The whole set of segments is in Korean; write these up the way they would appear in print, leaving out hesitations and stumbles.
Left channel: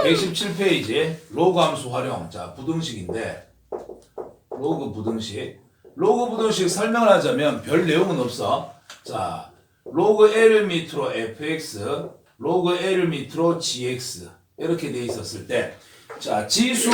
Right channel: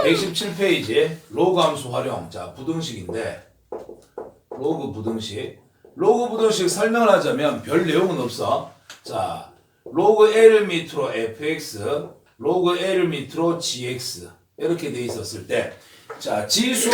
자, 117페이지 로그 함수 활용. 자, 부등식인데 로그 부등식. 로그 부등식 설명을 하자면 별 내용은 없어. 자, 로그 L 밑으로 fx, 로그 L 밑으로 gx 이렇게 돼 있었을 때, 자, 지수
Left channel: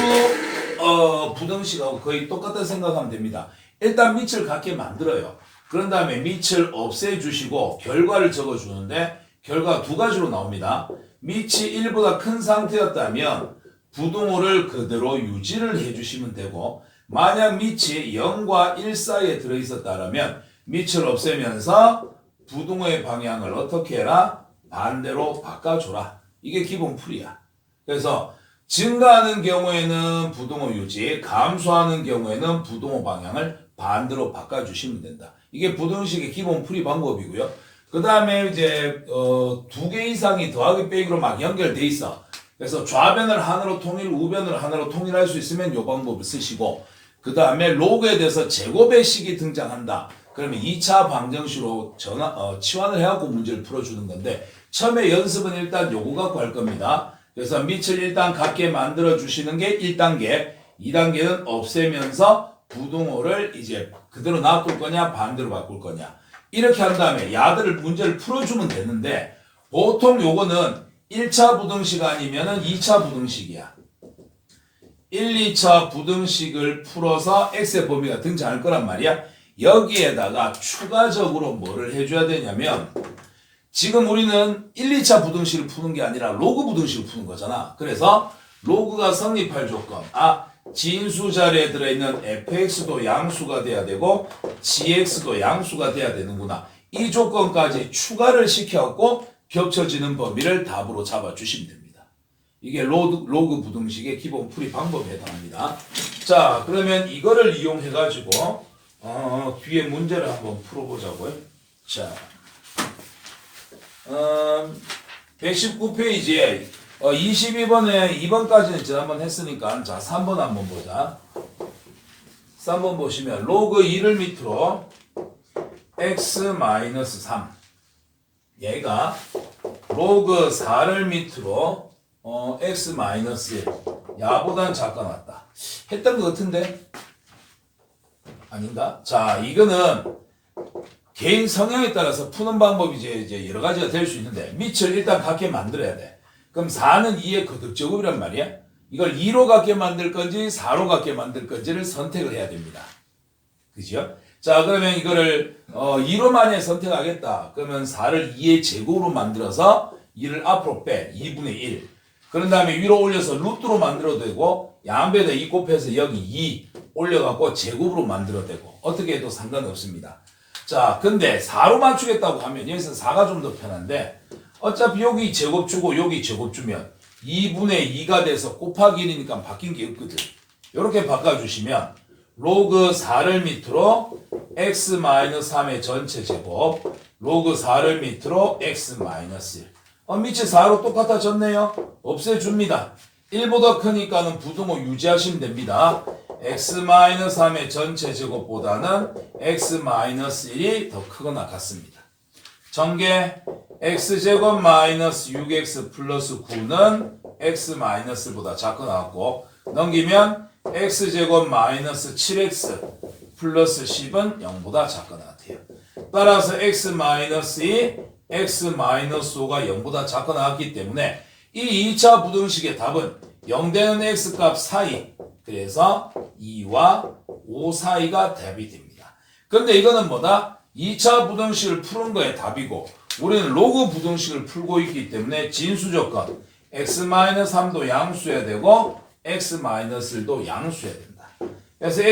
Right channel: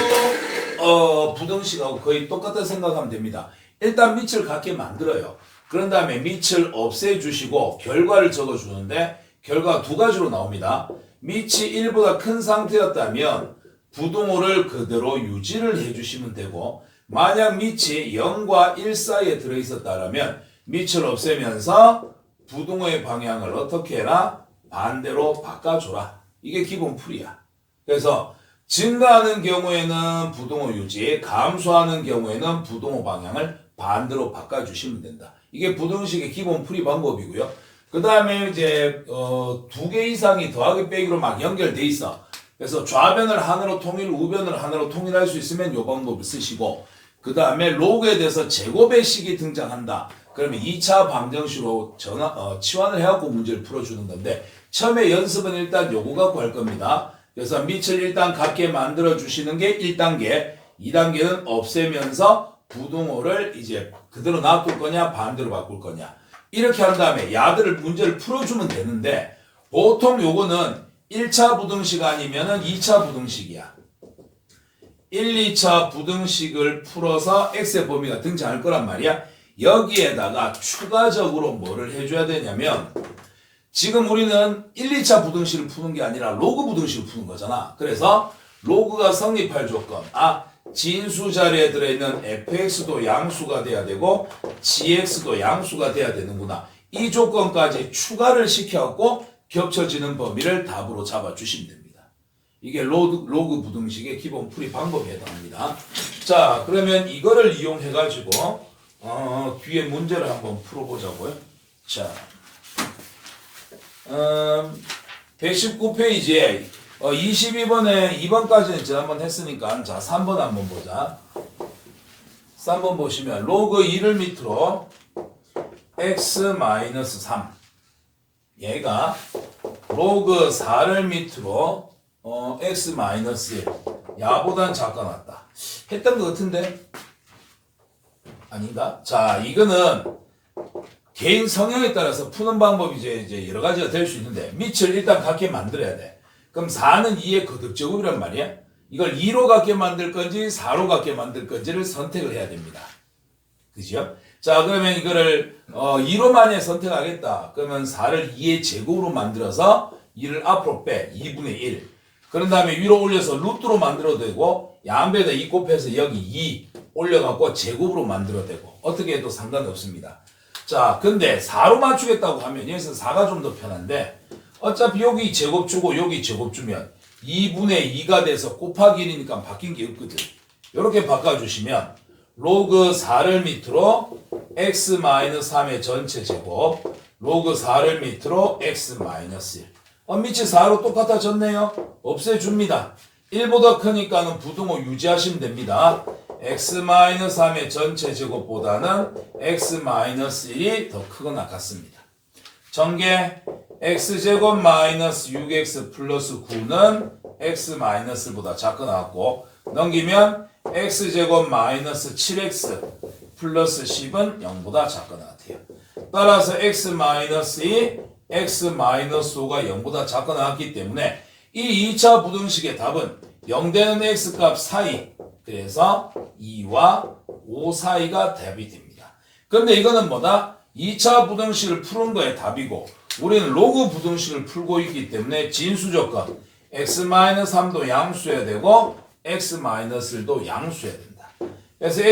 부등식하고 거의 똑같다 생각하면 됩니다. 일단 밑을 갖게 만들어요. 그런 다음에 밑을 없애주시고 결과를 적어주는데 결과가 두 가지로 나옵니다. 밑이 1보다 큰 상태였다면 부등호를 그대로 유지를 해주시면 되고, 만약 밑이 0과 1 사이에 들어있었다면 밑을 없애면서 부등호의 방향을 어떻게 해라? 반대로 바꿔줘라. 이게 기본 풀이야. 그래서 증가하는 경우에는 부등호 유지, 감소하는 경우에는 부등호 방향을 반대로 바꿔주시면 된다. 이게 부등식의 기본 풀이 방법이고요. 그 다음에 이제 두 개 이상이 더하기 빼기로 막 연결돼 있어. 그래서 좌변을 하나로 통일, 우변을 하나로 통일할 수 있으면 이 방법을 쓰시고, 그 다음에 로그에 대해서 제곱의 식이 등장한다. 그러면 2차 방정식으로 치환을 해갖고 문제를 풀어주는 건데, 처음에 연습은 일단 요거 갖고 할 겁니다. 그래서 밑을 일단 같게 만들어 주시는 게 1단계, 2단계는 없애면서 부등호를 이제 그대로 놔둘 거냐 반대로 바꿀 거냐, 이렇게 한 다음에 야들을 문제를 풀어주면 되는데, 보통 요거는 1차 부등식 아니면은 2차 부등식이야. 1, 2차 부등식을 풀어서 x의 범위가 등장할 거란 말이야. 여기에다가 추가적으로 뭐를 해줘야 되냐면, 지금 우리는 1, 2차 부등식을 푸는 게 아니라 로그 부등식을 푸는 거잖아. 그래서 로그가 성립할 조건, 진수 자리에 들어있는 fx도 양수가 돼야 되고 gx도 양수가 돼야 되는구나. 이 조건까지 추가를 시켜갖고 겹쳐지는 범위를 답으로 잡아주시면 됩니다. 이게 로그 부등식의 기본 풀이 방법에 해당합니다. 자, 그러면 이거를 이용해가지고 뒤에 문제를 한번 풀어보자고요. 자, 119페이지에 22번에 2번까지는 지난번 했으니까, 자, 3번 한번 보자. 3번 보시면 로그 2를 밑으로 x-3, 얘가 로그 4를 밑으로 x-1, 야보단 작아놨다. 했던 것 같은데 아닌가? 자, 이거는 개인 성향에 따라서 푸는 방법이 이제 여러 가지가 될 수 있는데, 밑을 일단 갖게 만들어야 돼. 그럼 4는 2의 거듭제곱이란 말이야. 이걸 2로 갖게 만들 건지 4로 갖게 만들 건지를 선택을 해야 됩니다. 그죠? 자, 그러면 이거를 2로만에 선택하겠다. 그러면 4를 2의 제곱으로 만들어서 2를 앞으로 빼. 2분의 1. 그런 다음에 위로 올려서 루트로 만들어도 되고, 양배에다 2 곱해서 여기 2 올려갖고 제곱으로 만들어도 되고, 어떻게 해도 상관이 없습니다. 자, 근데 4로 맞추겠다고 하면 여기서 4가 좀 더 편한데, 어차피 여기 제곱 주고 여기 제곱 주면 2분의 2가 돼서 곱하기 1이니까 바뀐 게 없거든. 이렇게 바꿔주시면 로그 4를 밑으로 x-3의 전체 제곱, 로그 4를 밑으로 x-1. 밑이 4로 똑같아졌네요. 없애줍니다. 1보다 크니까는 부등호 유지하시면 됩니다. x-3의 전체 제곱보다는 x-1이 더 크거나 같습니다. 전개 x제곱 마이너스 6x 플러스 9는 x-보다 작거나 같고, 넘기면 x제곱 마이너스 7x 플러스 10은 0보다 작거나 같아요. 따라서 x-2, x-5가 0보다 작거나 같기 때문에 이 2차 부등식의 답은 0 되는 x값 사이, 그래서 2와 5 사이가 답이 됩니다. 근데 이거는 뭐다? 2차 부등식을 푸는 거에 답이고, 우리는 로그 부등식을 풀고 있기 때문에 진수 조건 x-3도 양수해야 되고 x-1도 양수해야 된다. 그래서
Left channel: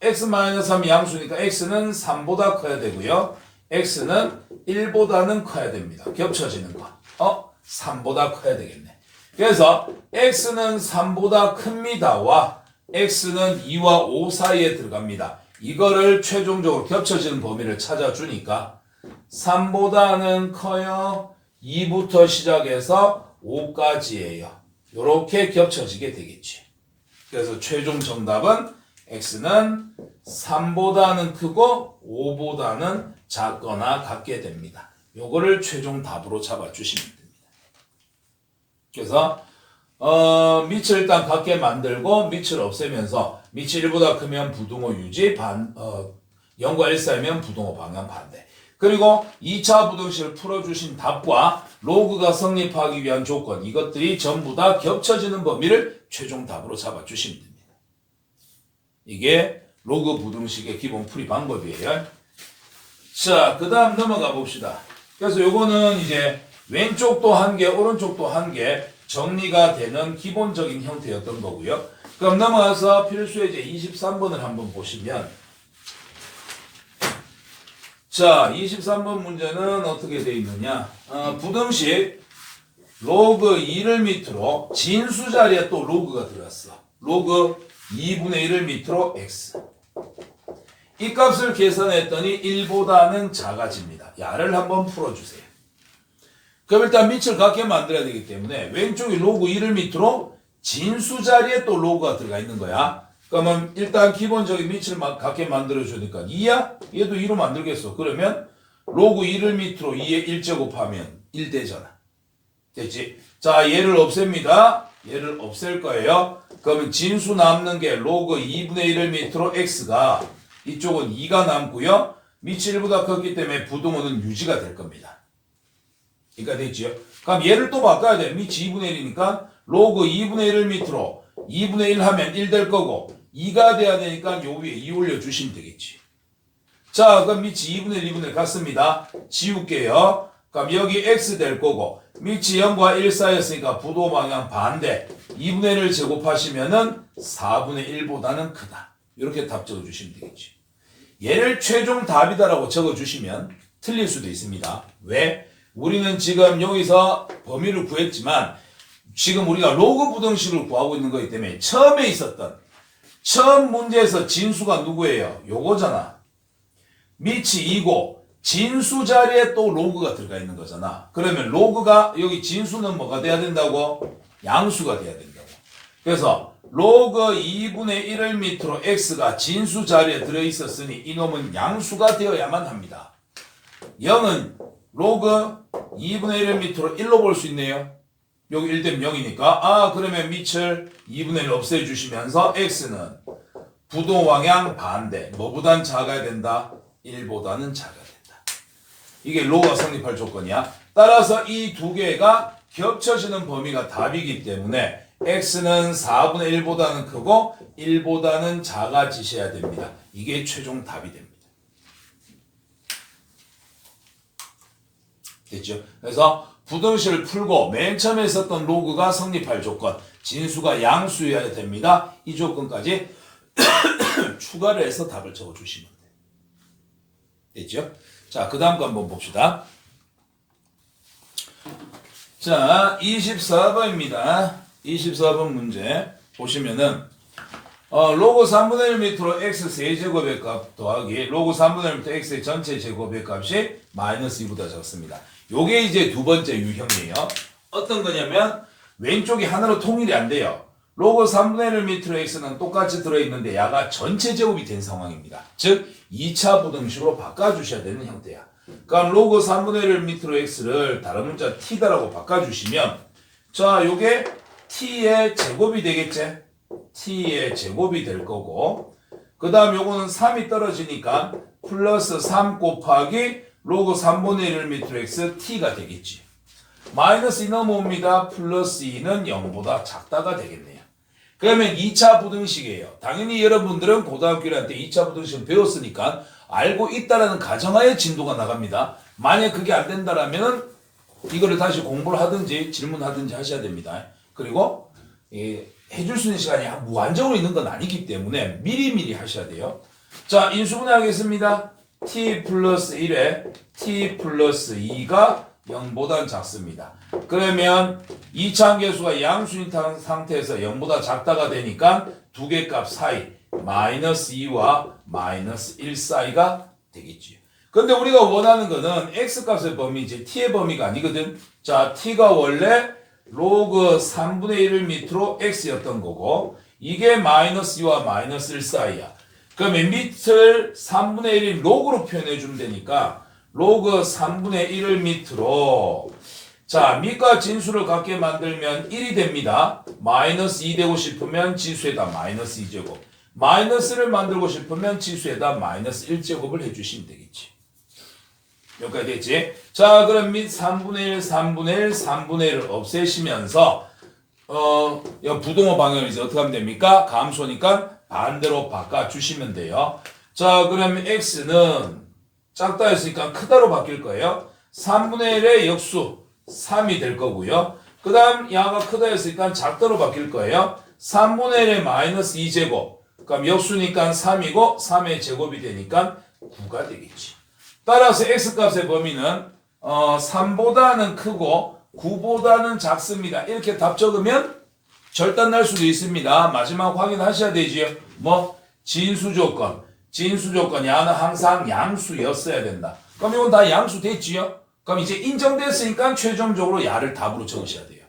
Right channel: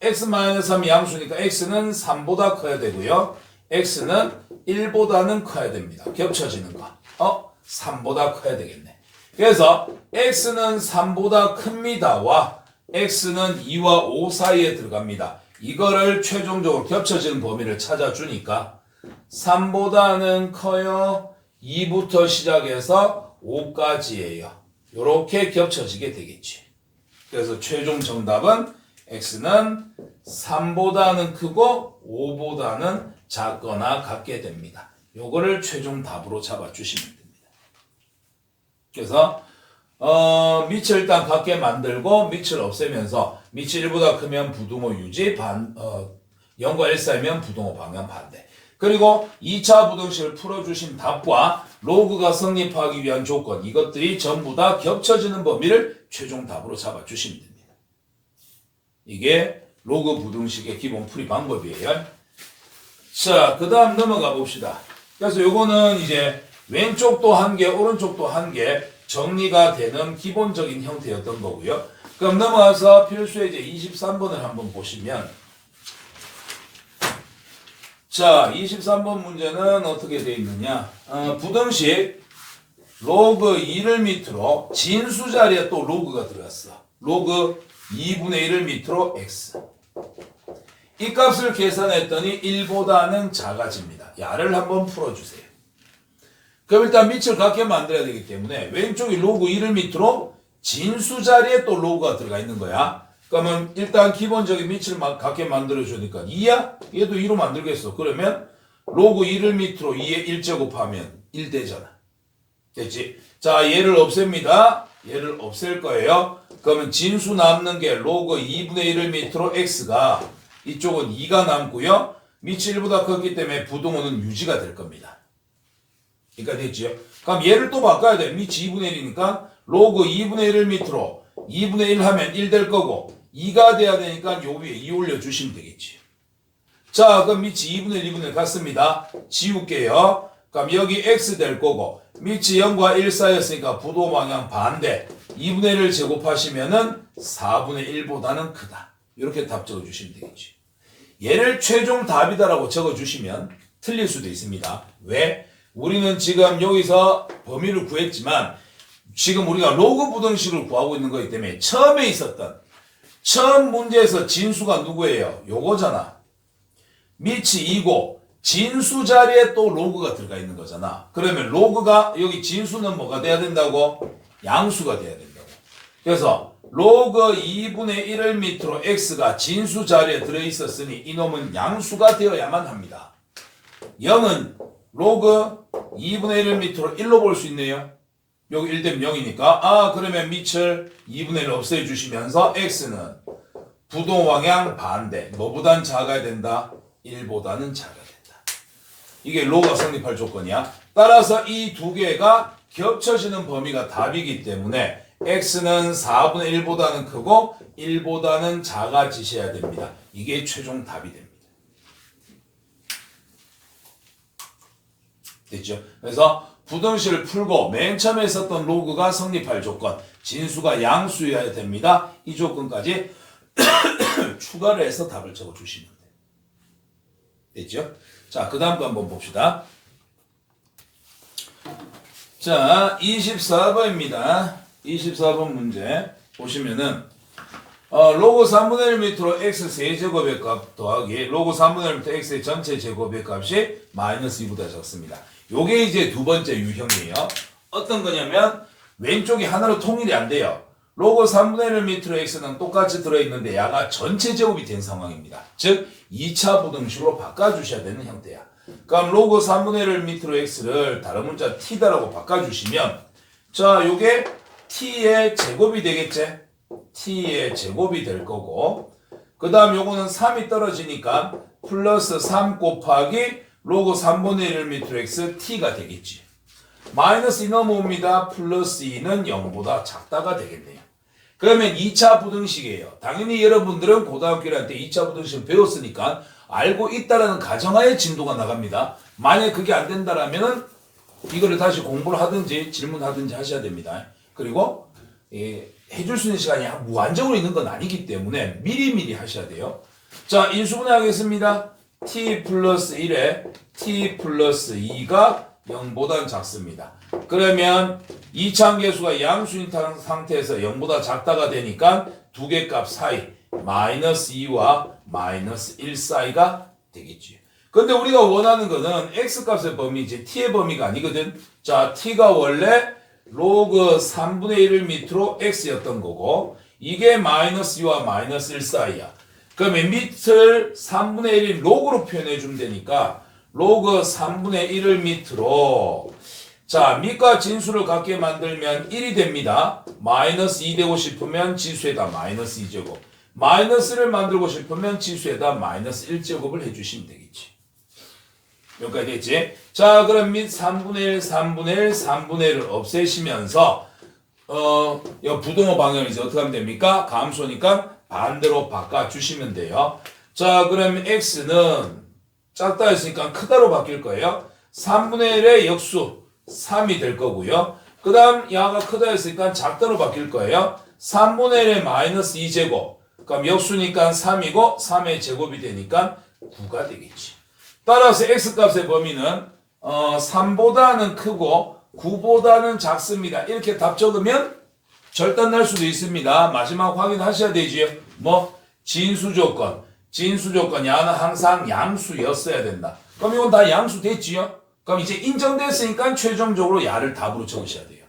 x-3이 양수니까 x는 3보다 커야 되고요, x는 1보다는 커야 됩니다. 겹쳐지는 거 3보다 커야 되겠네. 그래서 x는 3보다 큽니다와 x는 2와 5 사이에 들어갑니다. 이거를 최종적으로 겹쳐지는 범위를 찾아주니까 3보다는 커요, 2부터 시작해서 5까지예요. 이렇게 겹쳐지게 되겠지. 그래서 최종 정답은 x는 3보다는 크고 5보다는 작거나 같게 됩니다. 요거를 최종 답으로 잡아주시면 됩니다. 그래서 밑을 일단 같게 만들고 밑을 없애면서 밑이 1보다 크면 부등호 유지, 0과 1 사이면 부등호 방향 반대. 그리고 2차 부등식을 풀어주신 답과 로그가 성립하기 위한 조건, 이것들이 전부 다 겹쳐지는 범위를 최종 답으로 잡아주시면 됩니다. 이게 로그 부등식의 기본 풀이 방법이에요. 자, 그 다음 넘어가 봅시다. 그래서 요거는 이제 왼쪽도 한 개, 오른쪽도 한 개 정리가 되는 기본적인 형태였던 거고요. 그럼 넘어가서 필수예제 23번을 한번 보시면, 자, 23번 문제는 어떻게 되어 있느냐. 부등식 로그 2를 밑으로 진수 자리에 또 로그가 들어갔어. 로그 2분의 1을 밑으로 x. 이 값을 계산했더니 1보다는 작아집니다. 야를 한번 풀어주세요. 그럼 일단 밑을 같게 만들어야 되기 때문에 왼쪽이 로그 2를 밑으로 진수 자리에 또 로그가 들어가 있는 거야. 그러면 일단 기본적인 밑을 같게 만들어주니까 2야? 얘도 2로 만들겠어. 그러면 로그 2를 밑으로 2에 1제곱하면 1 되잖아. 됐지? 자, 얘를 없앱니다. 얘를 없앨 거예요. 그러면 진수 남는 게 로그 2분의 1을 밑으로 x가, 이쪽은 2가 남고요. 밑이 1보다 컸기 때문에 부등호는 유지가 될 겁니다. 그러니까 됐지요? 그럼 얘를 또 바꿔야 돼. 밑이 2분의 1이니까 로그 2분의 1을 밑으로 2분의 1 하면 1 될 거고 2가 돼야 되니까 요 위에 2 올려주시면 되겠지. 자, 그럼 밑이 2분의 1, 2분의 1 같습니다. 지울게요. 그럼 여기 x 될 거고 밑이 0과 1 사이였으니까 부도 방향 반대. 2분의 1을 제곱하시면은 4분의 1보다는 크다. 이렇게 답 적어주시면 되겠지. 얘를 최종 답이다라고 적어주시면 틀릴 수도 있습니다. 왜? 우리는 지금 여기서 범위를 구했지만 지금 우리가 로그 부등식을 구하고 있는 거기 때문에 처음에 있었던 처음 문제에서 진수가 누구예요? 요거잖아. 밑이 2고 진수 자리에 또 로그가 들어가 있는 거잖아. 그러면 로그가 여기 진수는 뭐가 돼야 된다고? 양수가 돼야 된다고. 그래서 로그 2분의 1을 밑으로 x가 진수 자리에 들어있었으니 이놈은 양수가 되어야만 합니다. 0은 로그 2분의 1을 밑으로 1로 볼 수 있네요. 여기 1 되면 0이니까 그러면 밑을 2분의 1 없애주시면서 x는 부도 방향 반대. 뭐보단 작아야 된다? 1보다는 작아야 된다. 이게 로가 성립할 조건이야. 따라서 이 두 개가 겹쳐지는 범위가 답이기 때문에 x는 4분의 1보다는 크고 1보다는 작아지셔야 됩니다. 이게 최종 답이 됩니다. 됐죠? 그래서 부등식을 풀고 맨 처음에 있었던 로그가 성립할 조건, 진수가 양수여야 됩니다. 이 조건까지 추가를 해서 답을 적어주시면 돼요. 됐죠? 자, 그 다음 거 한번 봅시다. 자, 24번입니다. 24번 문제 보시면은 로그 3분의 1 밑으로 x 세제곱의 값 더하기 로그 3분의 1 밑으로 x의 전체 제곱의 값이 마이너스 2보다 작습니다. 요게 이제 두 번째 유형이에요. 어떤 거냐면 왼쪽이 하나로 통일이 안 돼요. 로그 3분의 1 밑으로 x는 똑같이 들어있는데 야가 전체 제곱이 된 상황입니다. 즉 2차 부등식으로 바꿔주셔야 되는 형태야. 그럼 로그 3분의 1 밑으로 x를 다른 문자 t다라고 바꿔주시면 자, 요게 t의 제곱이 되겠지? t의 제곱이 될 거고 그 다음 요거는 3이 떨어지니까 플러스 3 곱하기 로그 3분의 1 밑으로 x t가 되겠지. 마이너스 2 넘어옵니다. 플러스 2는 0보다 작다가 되겠네요. 그러면 2차 부등식이에요. 당연히 여러분들은 고등학교 1학년 때 2차 부등식을 배웠으니까 알고 있다라는 가정하에 진도가 나갑니다. 만약 그게 안 된다라면 이거를 다시 공부를 하든지 질문하든지 하셔야 됩니다. 그리고 해줄 수 있는 시간이 무한정으로 있는 건 아니기 때문에 미리미리 하셔야 돼요. 자, 인수분해하겠습니다. t 플러스 1에 t 플러스 2가 0보다 작습니다. 그러면 이차함계수가 양수인 상태에서 0보다 작다가 되니까 두 개 값 사이 마이너스 2와 마이너스 1 사이가 되겠지. 근데 우리가 원하는 거는 x값의 범위지 t의 범위가 아니거든. 자, t가 원래 로그 3분의 1을 밑으로 x였던 거고 이게 마이너스 2와 마이너스 1 사이야. 그러면 밑을 3분의 1인 로그로 표현해 주면 되니까 로그 3분의 1을 밑으로 자, 밑과 진수를 같게 만들면 1이 됩니다. 마이너스 2 되고 싶으면 지수에다 마이너스 2제곱. 마이너스를 만들고 싶으면 지수에다 마이너스 1제곱을 해주시면 되겠지. 여기까지 됐지? 자, 그럼 밑 3분의 1, 3분의 1, 3분의 1을 없애시면서 부동호 방향을 이제 어떻게 하면 됩니까? 감소니까 반대로 바꿔주시면 돼요. 자, 그러면 x는 작다 했으니까 크다로 바뀔 거예요. 3분의 1의 역수 3이 될 거고요. 그 다음 야가 크다 했으니까 작다로 바뀔 거예요. 3분의 1의 마이너스 2제곱. 그럼 역수니까 3이고 3의 제곱이 되니까 9가 되겠지. 따라서 x값의 범위는 3보다는 크고 9보다는 작습니다. 이렇게 답 적으면 절단 날 수도 있습니다. 마지막 확인하셔야 되지요. 뭐 진수 조건. 진수 조건 야는 항상 양수였어야 된다. 그럼 이건 다 양수 됐지요? 그럼 이제 인정됐으니까 최종적으로 야를 답으로 적으셔야 돼요.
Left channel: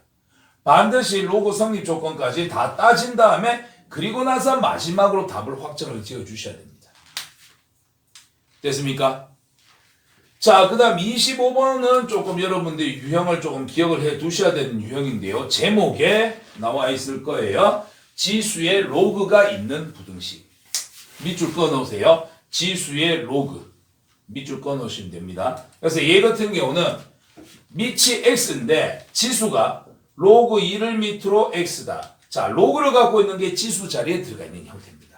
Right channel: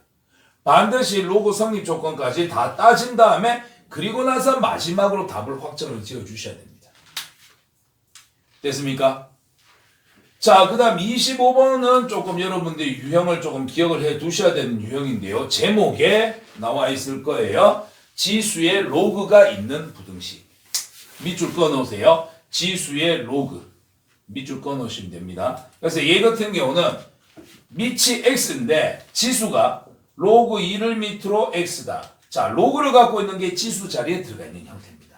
반드시 로그 성립 조건까지 다 따진 다음에 그리고 나서 마지막으로 답을 확정을 지어 주셔야 됩니다. 됐습니까? 자, 그 다음 25번은 조금 여러분들이 유형을 조금 기억을 해 두셔야 되는 유형인데요. 제목에 나와 있을 거예요. 지수의 로그가 있는 부등식. 밑줄 꺼놓으세요. 지수의 로그. 밑줄 꺼놓으시면 됩니다. 그래서 얘 같은 경우는 밑이 x인데 지수가 로그 2를 밑으로 x다. 자, 로그를 갖고 있는 게 지수 자리에 들어가 있는 형태입니다.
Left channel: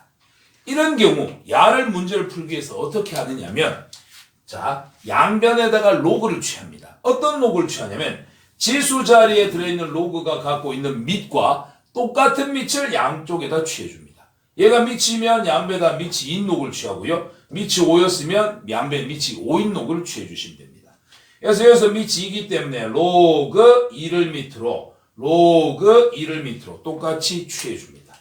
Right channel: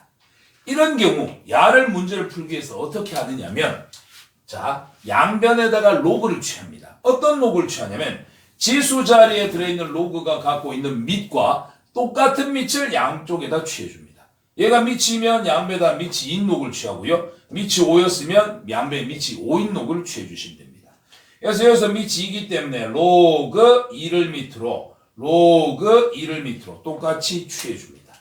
이런 경우 야를 문제를 풀기 위해서 어떻게 하느냐면 자, 양변에다가 로그를 취합니다. 어떤 로그를 취하냐면 지수 자리에 들어있는 로그가 갖고 있는 밑과 똑같은 밑을 양쪽에다 취해줍니다. 얘가 밑이면 양배에다 밑이 2인 로그를 취하고요. 밑이 5였으면 양배에 밑이 5인 로그를 취해주시면 됩니다. 그래서 여기서 밑이 2이기 때문에 로그 2를 밑으로 로그 2를 밑으로 똑같이 취해줍니다.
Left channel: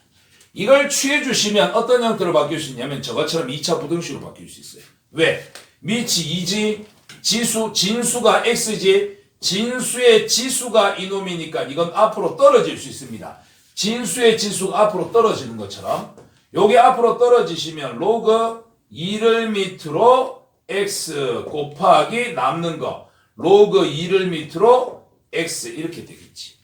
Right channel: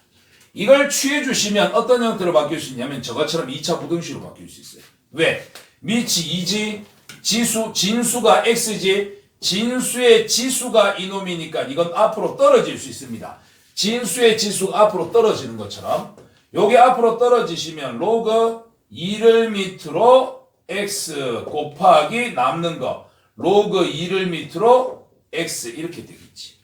이걸 취해주시면 어떤 형태로 바뀔 수 있냐면 저것처럼 2차 부등식으로 바뀔 수 있어요. 왜? 밑이 2지, 진수가 x지, 진수의 지수가 이놈이니까 이건 앞으로 떨어질 수 있습니다. 진수의 지수가 앞으로 떨어지는 것처럼 요게 앞으로 떨어지시면 로그 2를 밑으로 x 곱하기 남는 거 로그 2를 밑으로 x 이렇게 되겠지.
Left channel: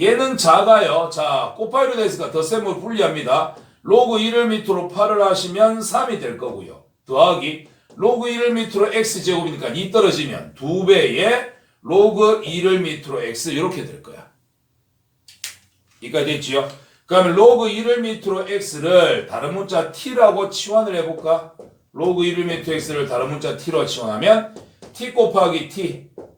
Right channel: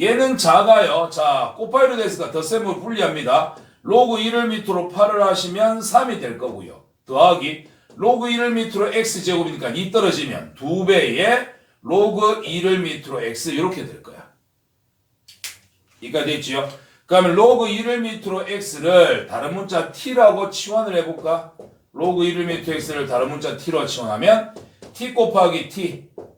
얘는 작아요. 자, 곱하기로 됐으니까 덧셈으로 분리합니다. 로그 2를 밑으로 8을 하시면 3이 될 거고요. 더하기 로그 2를 밑으로 x제곱이니까 2 떨어지면 2배의 로그 2를 밑으로 x 이렇게 될 거야. 이까지 됐지요? 그러면 로그 2를 밑으로 x를 다른 문자 t라고 치환을 해볼까? 로그 1을 밑으로 x를 다른 문자 t로 치환하면 t 곱하기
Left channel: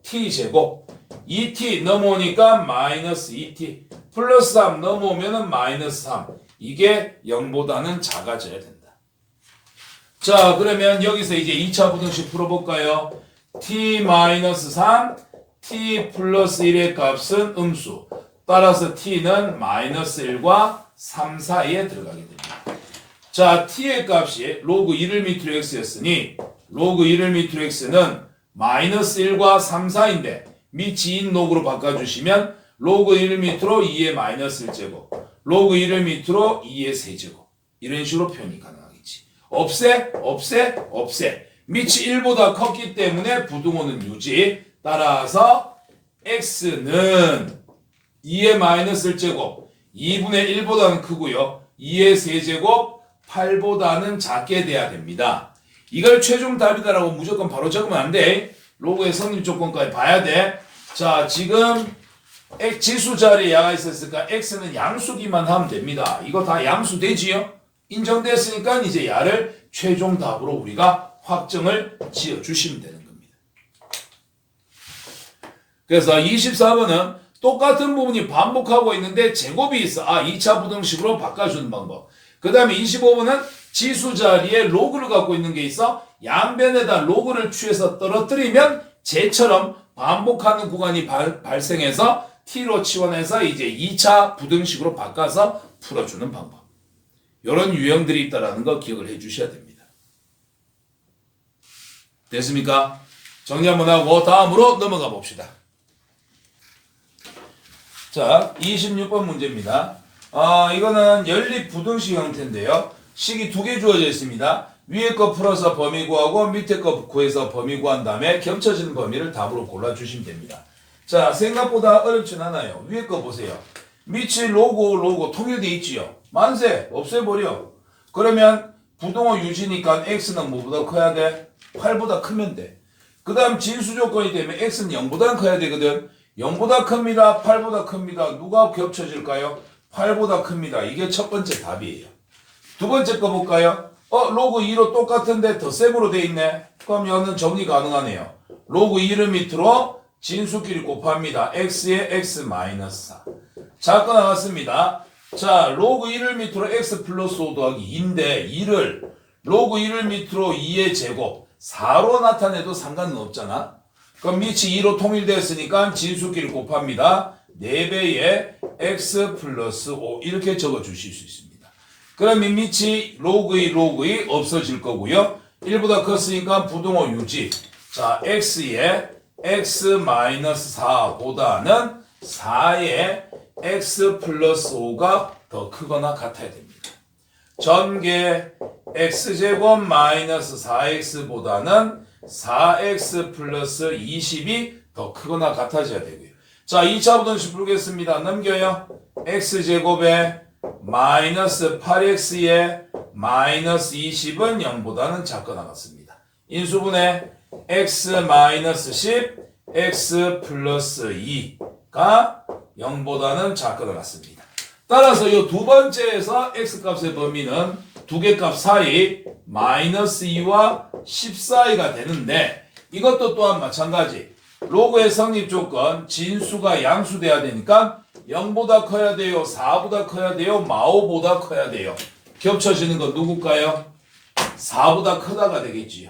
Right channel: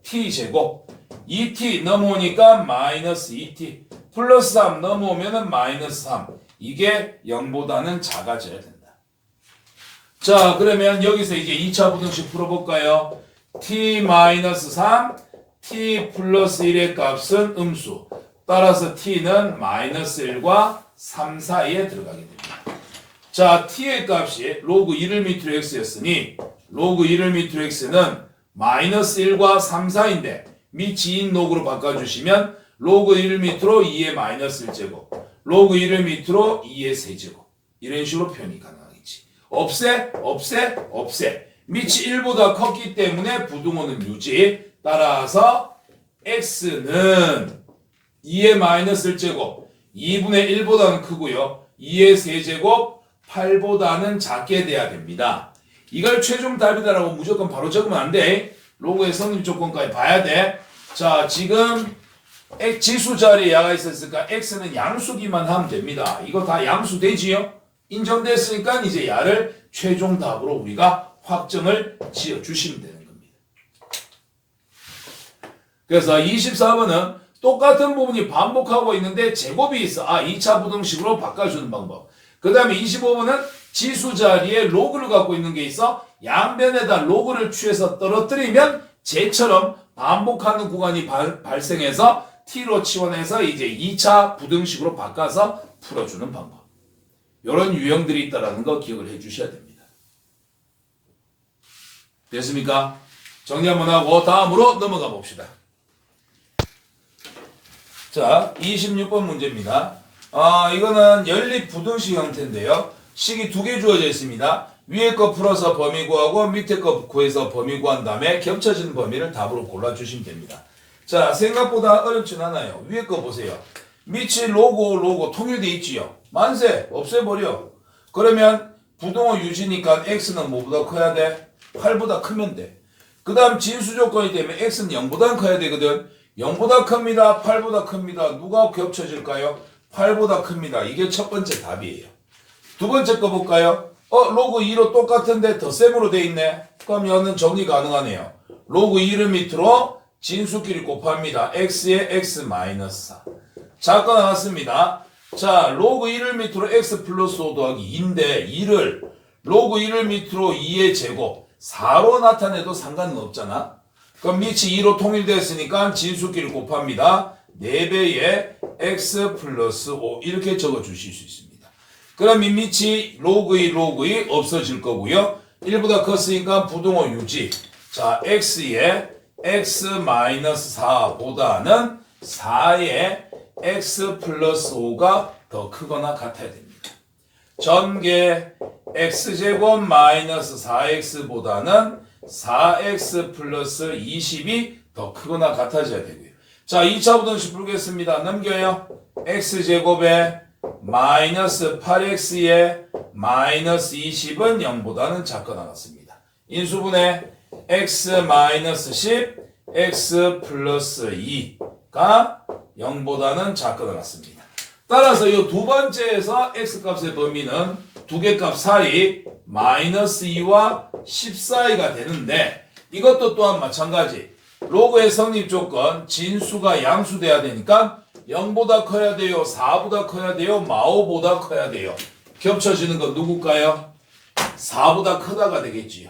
t제곱 2t 넘어오니까 마이너스 2t 플러스 3 넘어오면 마이너스 3 이게 0보다는 작아져야 된다. 자, 그러면 여기서 이제 2차 부등식 풀어볼까요? t-3 t 플러스 1의 값은 음수 따라서 t는 마이너스 1과 3 사이에 들어가게 됩니다. 자, t의 값이 로그 1을 밑으로 x였으니 로그 1을 밑으로 x는 마이너스 1과 3 사이인데 밑인 로그로 바꿔주시면 로그 1을 밑으로 2의 마이너스 1제곱 로그 1을 밑으로 2의 세제곱 이런 식으로 표현이 가능하겠지. 없애 밑이 1보다 컸기 때문에 부등호는 유지. 따라서 x는 2의 마이너스 1제곱 2분의 1보다는 크고요. 2의 세제곱 8보다는 작게 돼야 됩니다. 이걸 최종 답이다라고 무조건 바로 적으면 안 돼. 로그의 성립 조건까지 봐야 돼. 자, 지금 지수 자리에 야가 있었으니까 x는 양수기만 하면 됩니다. 이거 다 양수 되지요? 인정됐으니까 이제 야를 최종 답으로 우리가 확정을 지어 주시면 되는 겁니다. 그래서 24번은 똑같은 부분이 반복하고 있는데 제곱이 있어. 2차 부등식으로 바꿔주는 방법. 그 다음에 25번은 지수 자리에 로그를 갖고 있는 게 있어. 양변에다 로그를 취해서 떨어뜨리면 쟤처럼 반복하는 구간이 발생해서 t로 치환해서 이제 2차 부등식으로 바꿔서 풀어주는 방법. 이런 유형들이 있다는 거 기억을 해 주셔야 됩니다. 됐습니까? 정리 한번 하고 다음으로 넘어가 봅시다. 자, 26번 문제입니다. 이거는 연립 부등식 형태인데요. 식이 두 개 주어져 있습니다. 위에 거 풀어서 범위 구하고 밑에 거 구해서 범위 구한 다음에 겹쳐지는 범위를 답으로 골라주시면 됩니다. 자, 생각보다 어렵진 않아요. 위에 거 보세요. 밑이 로고 통일돼 있지요. 만세 없애버려. 그러면 부동호 유지니까 x는 뭐보다 커야 돼? 8보다 크면 돼. 그 다음 진수 조건이 되면 x는 0보다 커야 되거든. 0보다 큽니다. 8보다 큽니다. 누가 겹쳐질까요? 8보다 큽니다. 이게 첫 번째 답이에요. 두 번째 거 볼까요? 로그 2로 똑같은데 덧셈으로 돼 있네. 그럼 이거는 정리 가능하네요. 로그 2를 밑으로 진수끼리 곱합니다. x에 x 마이너스 4. 자가 나왔습니다. 자, 로그 1을 밑으로 x 플러스 5 더하기 2인데 2를 로그 1을 밑으로 2의 제곱 4로 나타내도 상관은 없잖아. 그럼 밑이 2로 통일됐으니까 진수끼리 곱합니다. 4배의 x 플러스 5 이렇게 적어 주실 수 있습니다. 그럼 이 밑이 로그 2 없어질 거고요. 1보다 컸으니까 부동호 유지. 자, x의 x 마이너스 4보다는 4의 x 플러스 5가 더 크거나 같아야 됩니다. 전개 x제곱 마이너스 4x보다는 4x 플러스 20이 더 크거나 같아져야 되고요. 자, 2차 부등식 풀겠습니다. 넘겨요. x제곱에 마이너스 8x에 마이너스 20은 0보다는 작거나 같습니다. 인수분해 x 마이너스 10, x 플러스 2가 0보다는 작거나 같습니다. 따라서 이 두 번째에서 x값의 범위는 두 개 값 사이 마이너스 2와 10 사이가 되는데 이것도 또한 마찬가지. 로그의 성립 조건 진수가 양수돼야 되니까 0보다 커야 돼요? 4보다 커야 돼요? 마오보다 커야 돼요? 겹쳐지는 건 누굴까요? 4보다 크다가 되겠지요.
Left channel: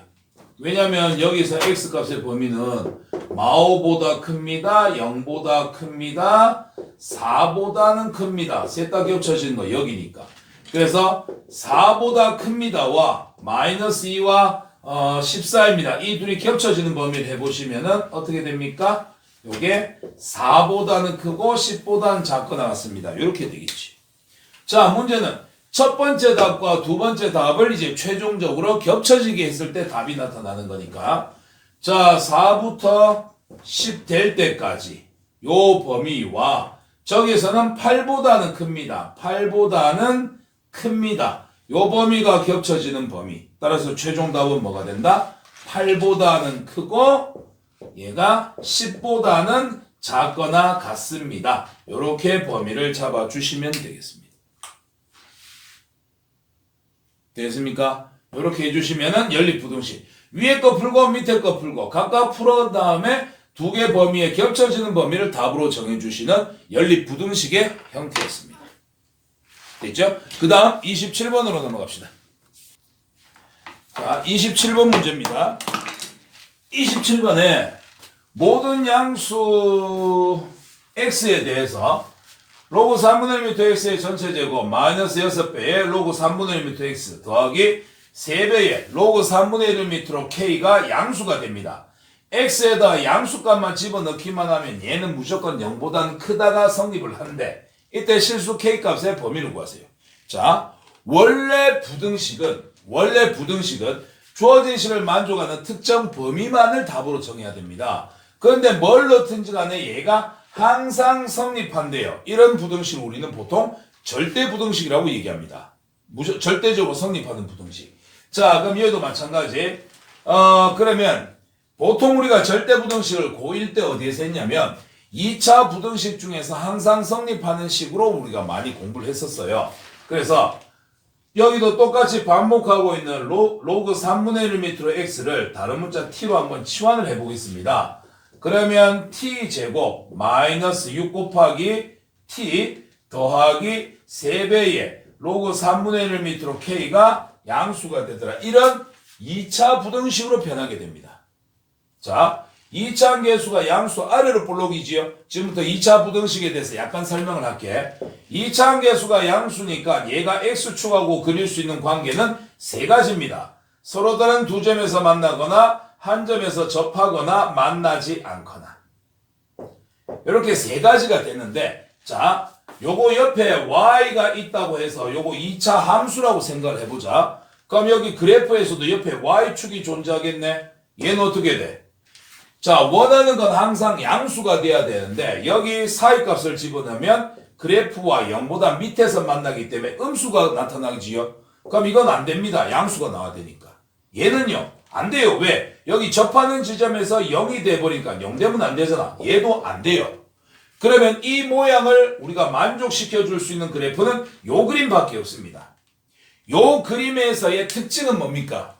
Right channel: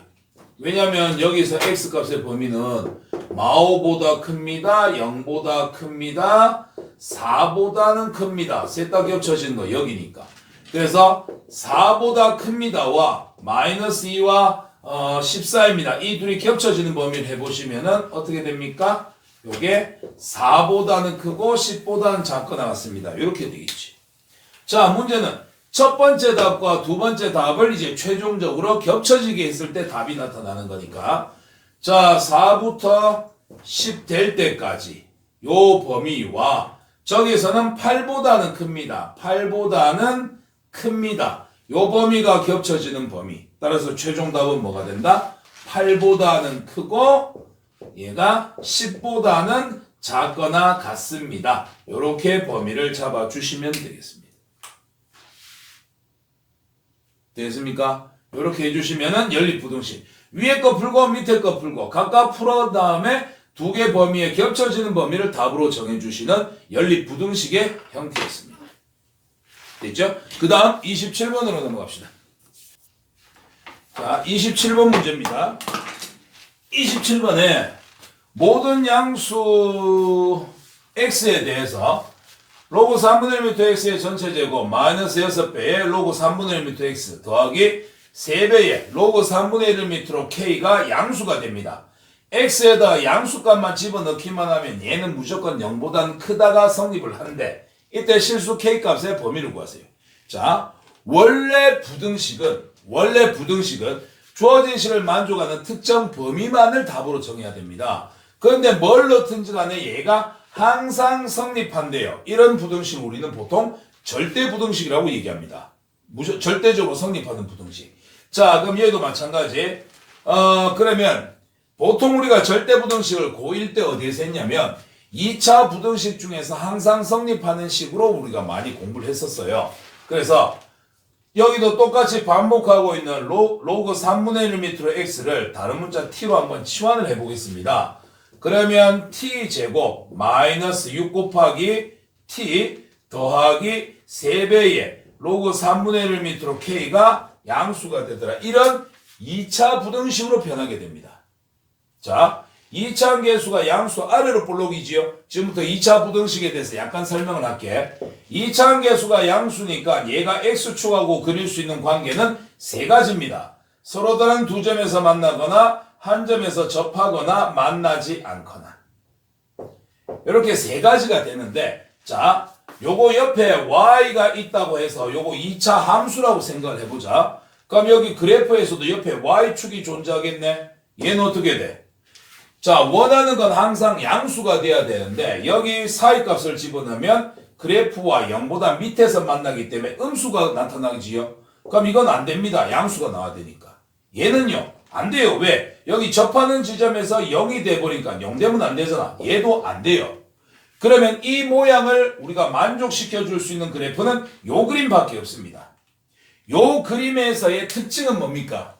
왜냐면 여기서 x값의 범위는 마오보다 큽니다. 0보다 큽니다. 4보다는 큽니다. 셋 다 겹쳐지는 거 여기니까. 그래서 4보다 큽니다와 마이너스 2와 14입니다. 이 둘이 겹쳐지는 범위를 해보시면은 어떻게 됩니까? 요게 4보다는 크고 10보다는 작거나 같습니다. 이렇게 되겠지. 자, 문제는 첫 번째 답과 두 번째 답을 이제 최종적으로 겹쳐지게 했을 때 답이 나타나는 거니까. 자, 4부터 10 될 때까지 요 범위와 저기서는 8보다는 큽니다. 8보다는 큽니다. 요 범위가 겹쳐지는 범위. 따라서 최종 답은 뭐가 된다? 8보다는 크고 얘가 10보다는 작거나 같습니다. 요렇게 범위를 잡아주시면 되겠습니다. 됐습니까? 요렇게 해주시면은 연립부등식. 위에 거 풀고 밑에 거 풀고 각각 풀어 다음에 두 개 범위에 겹쳐지는 범위를 답으로 정해주시는 연립부등식의 형태였습니다. 됐죠? 그 다음 27번으로 넘어갑시다. 자, 27번 문제입니다. 27번에 모든 양수 x에 대해서 로그 3분의 1m x의 전체 제곱 마이너스 6배의 로그 3분의 1m x 더하기 3배의 로그 3분의 1m로 k가 양수가 됩니다. x에다 양수값만 집어넣기만 하면 얘는 무조건 0보다는 크다가 성립을 하는데 이때 실수 k값의 범위를 구하세요. 자, 원래 부등식은 주어진 식을 만족하는 특정 범위만을 답으로 정해야 됩니다. 그런데 뭘 넣든지 간에 얘가 항상 성립한대요. 이런 부등식을 우리는 보통 절대 부등식이라고 얘기합니다. 절대적으로 성립하는 부등식. 자, 그럼 여기도 마찬가지. 그러면 보통 우리가 절대 부등식을 고1 때 어디에서 했냐면 2차 부등식 중에서 항상 성립하는 식으로 우리가 많이 공부를 했었어요. 그래서 여기도 똑같이 반복하고 있는 로그 3분의 1m로 x를 다른 문자 t로 한번 치환을 해보겠습니다. 그러면 t제곱 마이너스 6 곱하기 t 더하기 3배의 로그 3분의 1m로 k가 양수가 되더라. 이런 2차 부등식으로 변하게 됩니다. 자, 2차 함계수가 양수 아래로 볼록이지요. 지금부터 2차 부등식에 대해서 약간 설명을 할게. 2차 함계수가 양수니까 얘가 x축하고 그릴 수 있는 관계는 세 가지입니다. 서로 다른 두 점에서 만나거나 한 점에서 접하거나 만나지 않거나. 이렇게 세 가지가 되는데, 자, 요거 옆에 y가 있다고 해서 요거 2차 함수라고 생각을 해보자. 그럼 여기 그래프에서도 옆에 y축이 존재하겠네. 얘는 어떻게 돼? 자, 원하는 건 항상 양수가 돼야 되는데 여기 사이값을 집어넣으면 그래프와 0보다 밑에서 만나기 때문에 음수가 나타나지요. 그럼 이건 안 됩니다. 양수가 나와야 되니까. 얘는요. 안 돼요. 왜? 여기 접하는 지점에서 0이 돼버리니까 0 되면 안 되잖아. 얘도 안 돼요. 그러면 이 모양을 우리가 만족시켜 줄 수 있는 그래프는 요 그림밖에 없습니다. 요 그림에서의 특징은 뭡니까?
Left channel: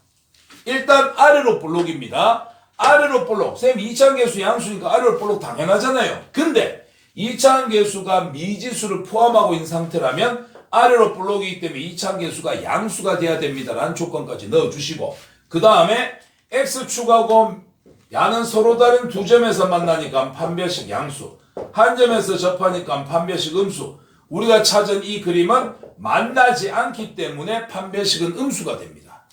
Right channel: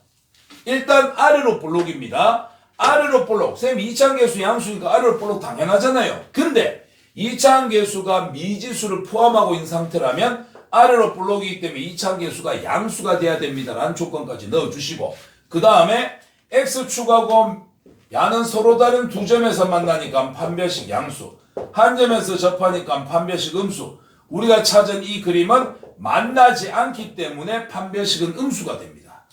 일단 아래로 볼록입니다. 아래로 볼록. 선생님 2차함계수 양수니까 아래로 볼록 당연하잖아요. 근데 2차함계수가 미지수를 포함하고 있는 상태라면 아래로 볼록이기 때문에 2차함계수가 양수가 돼야 됩니다라는 조건까지 넣어주시고 그 다음에 x축하고 야는 서로 다른 두 점에서 만나니까 판별식 양수, 한 점에서 접하니까 판별식 음수. 우리가 찾은 이 그림은 만나지 않기 때문에 판별식은 음수가 됩니다.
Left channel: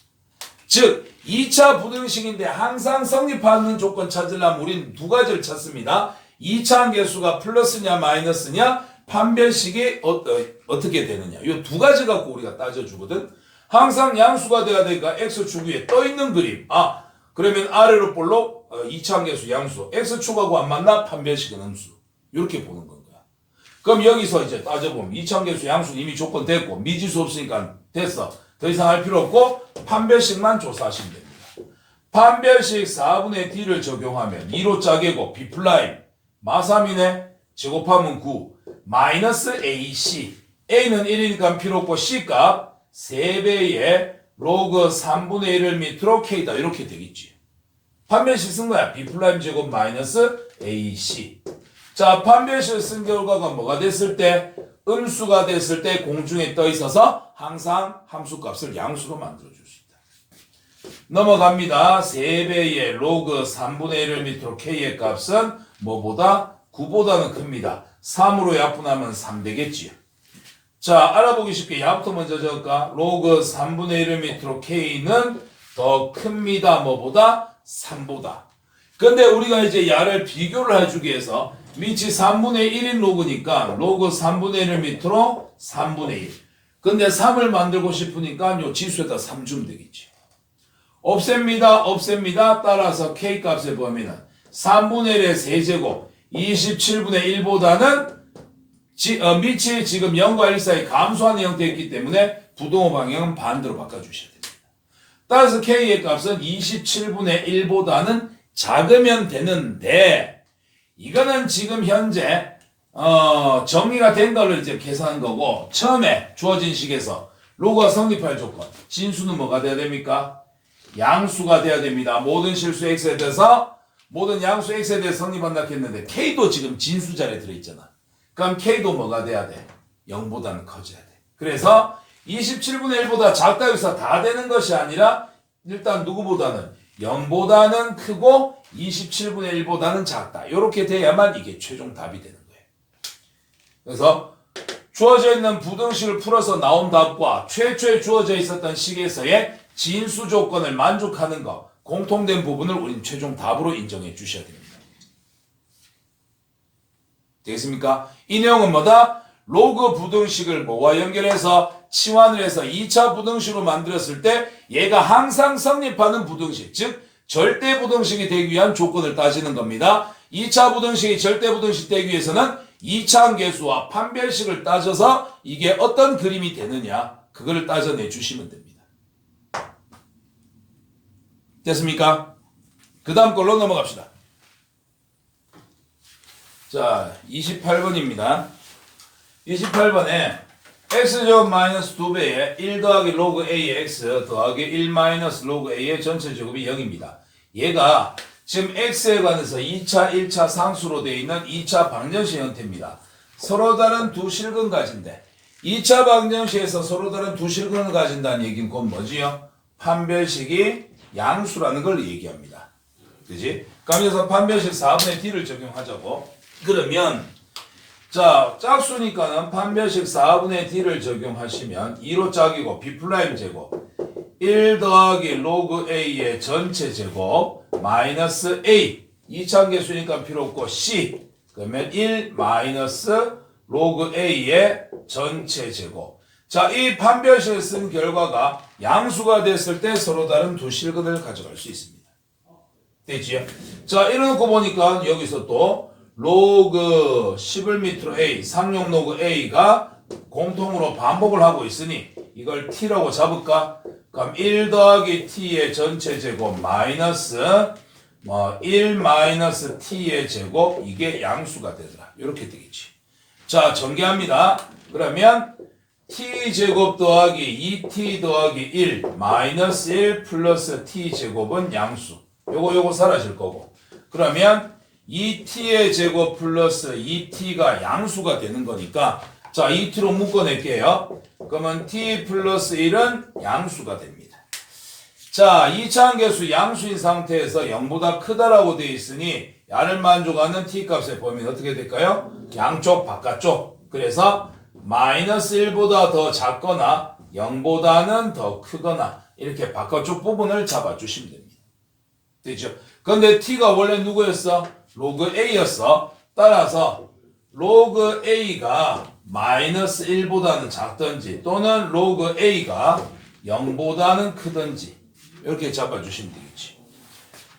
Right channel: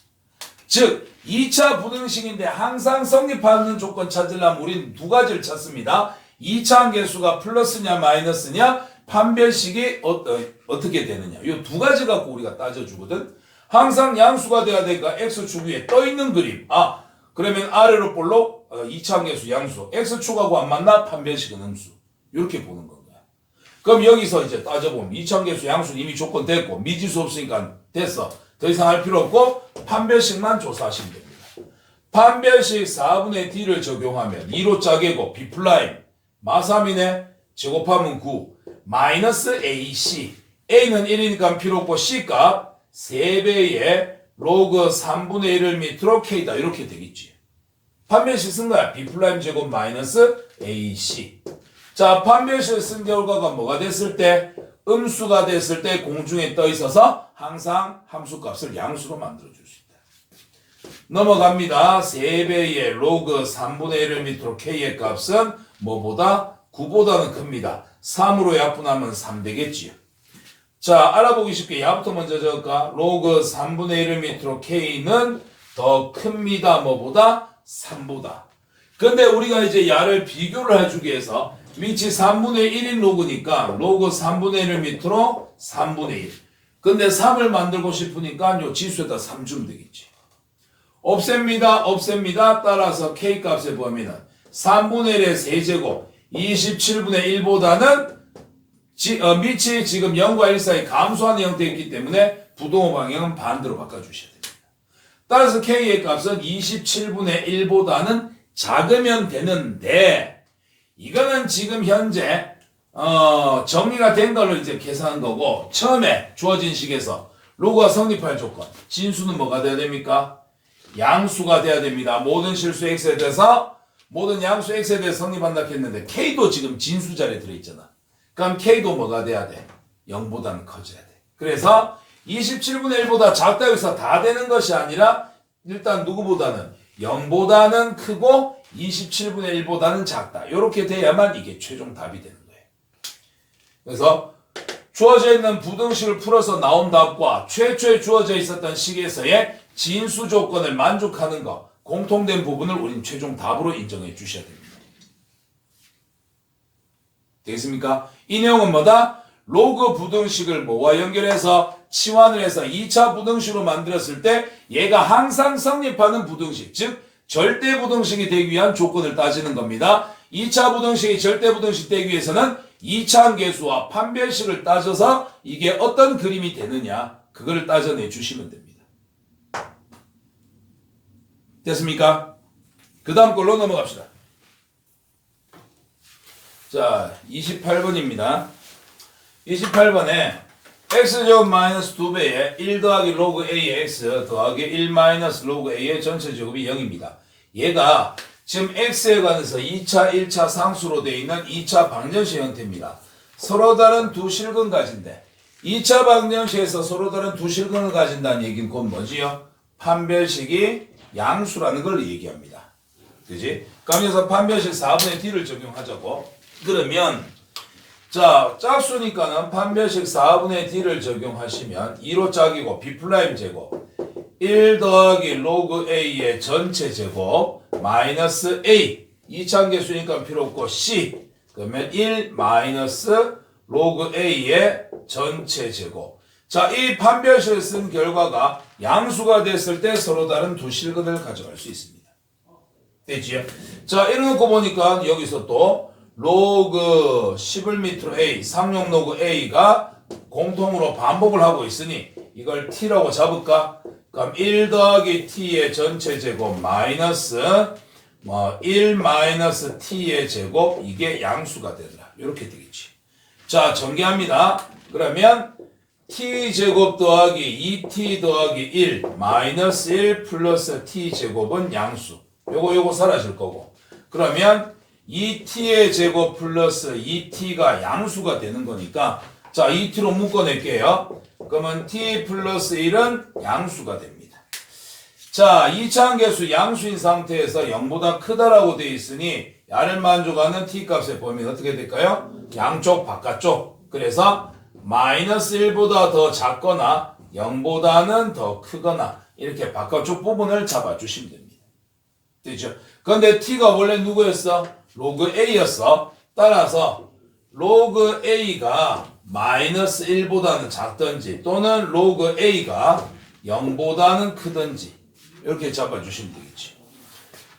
즉 2차 부등식인데 항상 성립하는 조건 찾으려면 우리는 두 가지를 찾습니다. 2차 함계수가 플러스냐 마이너스냐, 판별식이 어떻게 되느냐. 이 두 가지 갖고 우리가 따져주거든. 항상 양수가 돼야 되니까 x축 위에 떠있는 그림. 그러면 아래로 볼록 2차 함계수 양수, x축하고 안 만나 판별식은 음수. 이렇게 보는 건가요. 그럼 여기서 이제 따져보면 2차 함계수 양수는 이미 조건 됐고 미지수 없으니까 됐어. 더 이상 할 필요 없고 판별식만 조사하시면 됩니다. 판별식 4분의 d를 적용하면 2로 짜개고 b 플라임 마3이네 제곱하면 9 마이너스 ac a는 1이니까 필요 없고 c값 3배의 로그 3분의 1을 밑으로 k다 이렇게 되겠지. 판별식 쓴 거야. b 플라임 제곱 마이너스 ac. 자, 판별식 쓴 결과가 뭐가 됐을 때? 음수가 됐을 때 공중에 떠 있어서 항상 함수값을 양수로 만들어줄 수 있다. 넘어갑니다. 3배의 로그 3분의 1을 밑으로 k의 값은 뭐보다? 9보다는 큽니다. 3으로 약분하면 3 되겠지요. 자, 알아보기 쉽게 야부터 먼저 적을까? 로그 3분의 1을 밑으로 k는 더 큽니다. 뭐보다? 3보다. 근데 우리가 이제 야를 비교를 해주기 위해서 밑이 3분의 1인 로그니까 로그 3분의 1을 밑으로 3분의 1. 근데 3을 만들고 싶으니까 요 지수에다 3 주면 되겠지. 없앱니다. 따라서 k값에 보면은 3분의 1의 세제곱 27분의 1보다는 밑이 지금 0과 1 사이 감소하는 형태였기 때문에 부동호 방향은 반대로 바꿔주셔야 됩니다. 따라서 k의 값은 27분의 1보다는 작으면 되는데 이거는 지금 현재 정리가 된 걸로 이제 계산한 거고 처음에 주어진 식에서 로그가 성립할 조건 진수는 뭐가 돼야 됩니까? 양수가 돼야 됩니다. 모든 실수 x에 대해서 모든 양수 x에 대해서 성립한다 했는데 k도 지금 진수 자리에 들어있잖아. 그럼 k도 뭐가 돼야 돼? 0보다는 커져야 돼. 그래서 27분의 1보다 작다 해서 다 되는 것이 아니라 일단 누구보다는 0보다는 크고 27분의 1보다는 작다. 이렇게 돼야만 이게 최종 답이 되는 거예요. 그래서 주어져 있는 부등식을 풀어서 나온 답과 최초에 주어져 있었던 식에서의 진수 조건을 만족하는 것, 공통된 부분을 우린 최종 답으로 인정해 주셔야 됩니다. 되겠습니까? 이 내용은 뭐다? 로그 부등식을 뭐와 연결해서 치환을 해서 2차 부등식으로 만들었을 때 얘가 항상 성립하는 부등식, 즉 절대 부등식이 되기 위한 조건을 따지는 겁니다. 2차 부등식이 절대 부등식 되기 위해서는 2차 함계수와 판별식을 따져서 이게 어떤 그림이 되느냐 그거를 따져내 주시면 됩니다. 됐습니까? 그 다음 걸로 넘어갑시다. 자, 28번입니다. 28번에 x제곱 마이너스 2배에 1 더하기 로그 a의 x 더하기 1 마이너스 로그 a의 전체 제곱이 0입니다. 얘가 지금 x에 관해서 2차, 1차 상수로 되어 있는 2차 방정식 형태입니다. 서로 다른 두 실근 가진데 2차 방정식에서 서로 다른 두 실근을 가진다는 얘기는 곧 뭐지요? 판별식이 양수라는 걸 얘기합니다. 그지? 그럼 여기서 판별식 4분의 d를 적용하자고. 그러면 자, 짝수니까는 판별식 4분의 d를 적용하시면 2로 짝이고 b 플라임 제곱 1 더하기 로그 a의 전체 제곱 마이너스 a 2차함계수니까 필요 없고 c 그러면 1 마이너스 로그 a의 전체 제곱. 자, 이 판별식을 쓴 결과가 양수가 됐을 때 서로 다른 두 실근을 가져갈 수 있습니다. 됐지요? 자, 이래놓고 보니까 여기서 또 로그 10을 밑으로 A, 상용 로그 A가 공통으로 반복을 하고 있으니 이걸 T라고 잡을까? 그럼 1 더하기 T의 전체 제곱 마이너스 1 마이너스 T의 제곱 이게 양수가 되더라. 이렇게 되겠지. 자, 전개합니다. 그러면 T제곱 더하기 2T 더하기 1 마이너스 1 플러스 T제곱은 양수. 요거 사라질 거고. 그러면 2T의 제곱 플러스 2T가 양수가 되는 거니까 자, 2T로 묶어낼게요. 그러면 T 플러스 1은 양수가 됩니다. 자, 2차 계수 양수인 상태에서 0보다 크다라고 되어 있으니 야를 만족하는 T값의 범위는 어떻게 될까요? 양쪽 바깥쪽. 그래서 마이너스 1보다 더 작거나 0보다는 더 크거나 이렇게 바깥쪽 부분을 잡아주시면 됩니다. 되죠? 그런데 T가 원래 누구였어? 로그 A였어. 따라서 로그 A가 마이너스 1보다는 작든지 또는 로그 A가 0보다는 크든지 이렇게 잡아주시면 되겠지.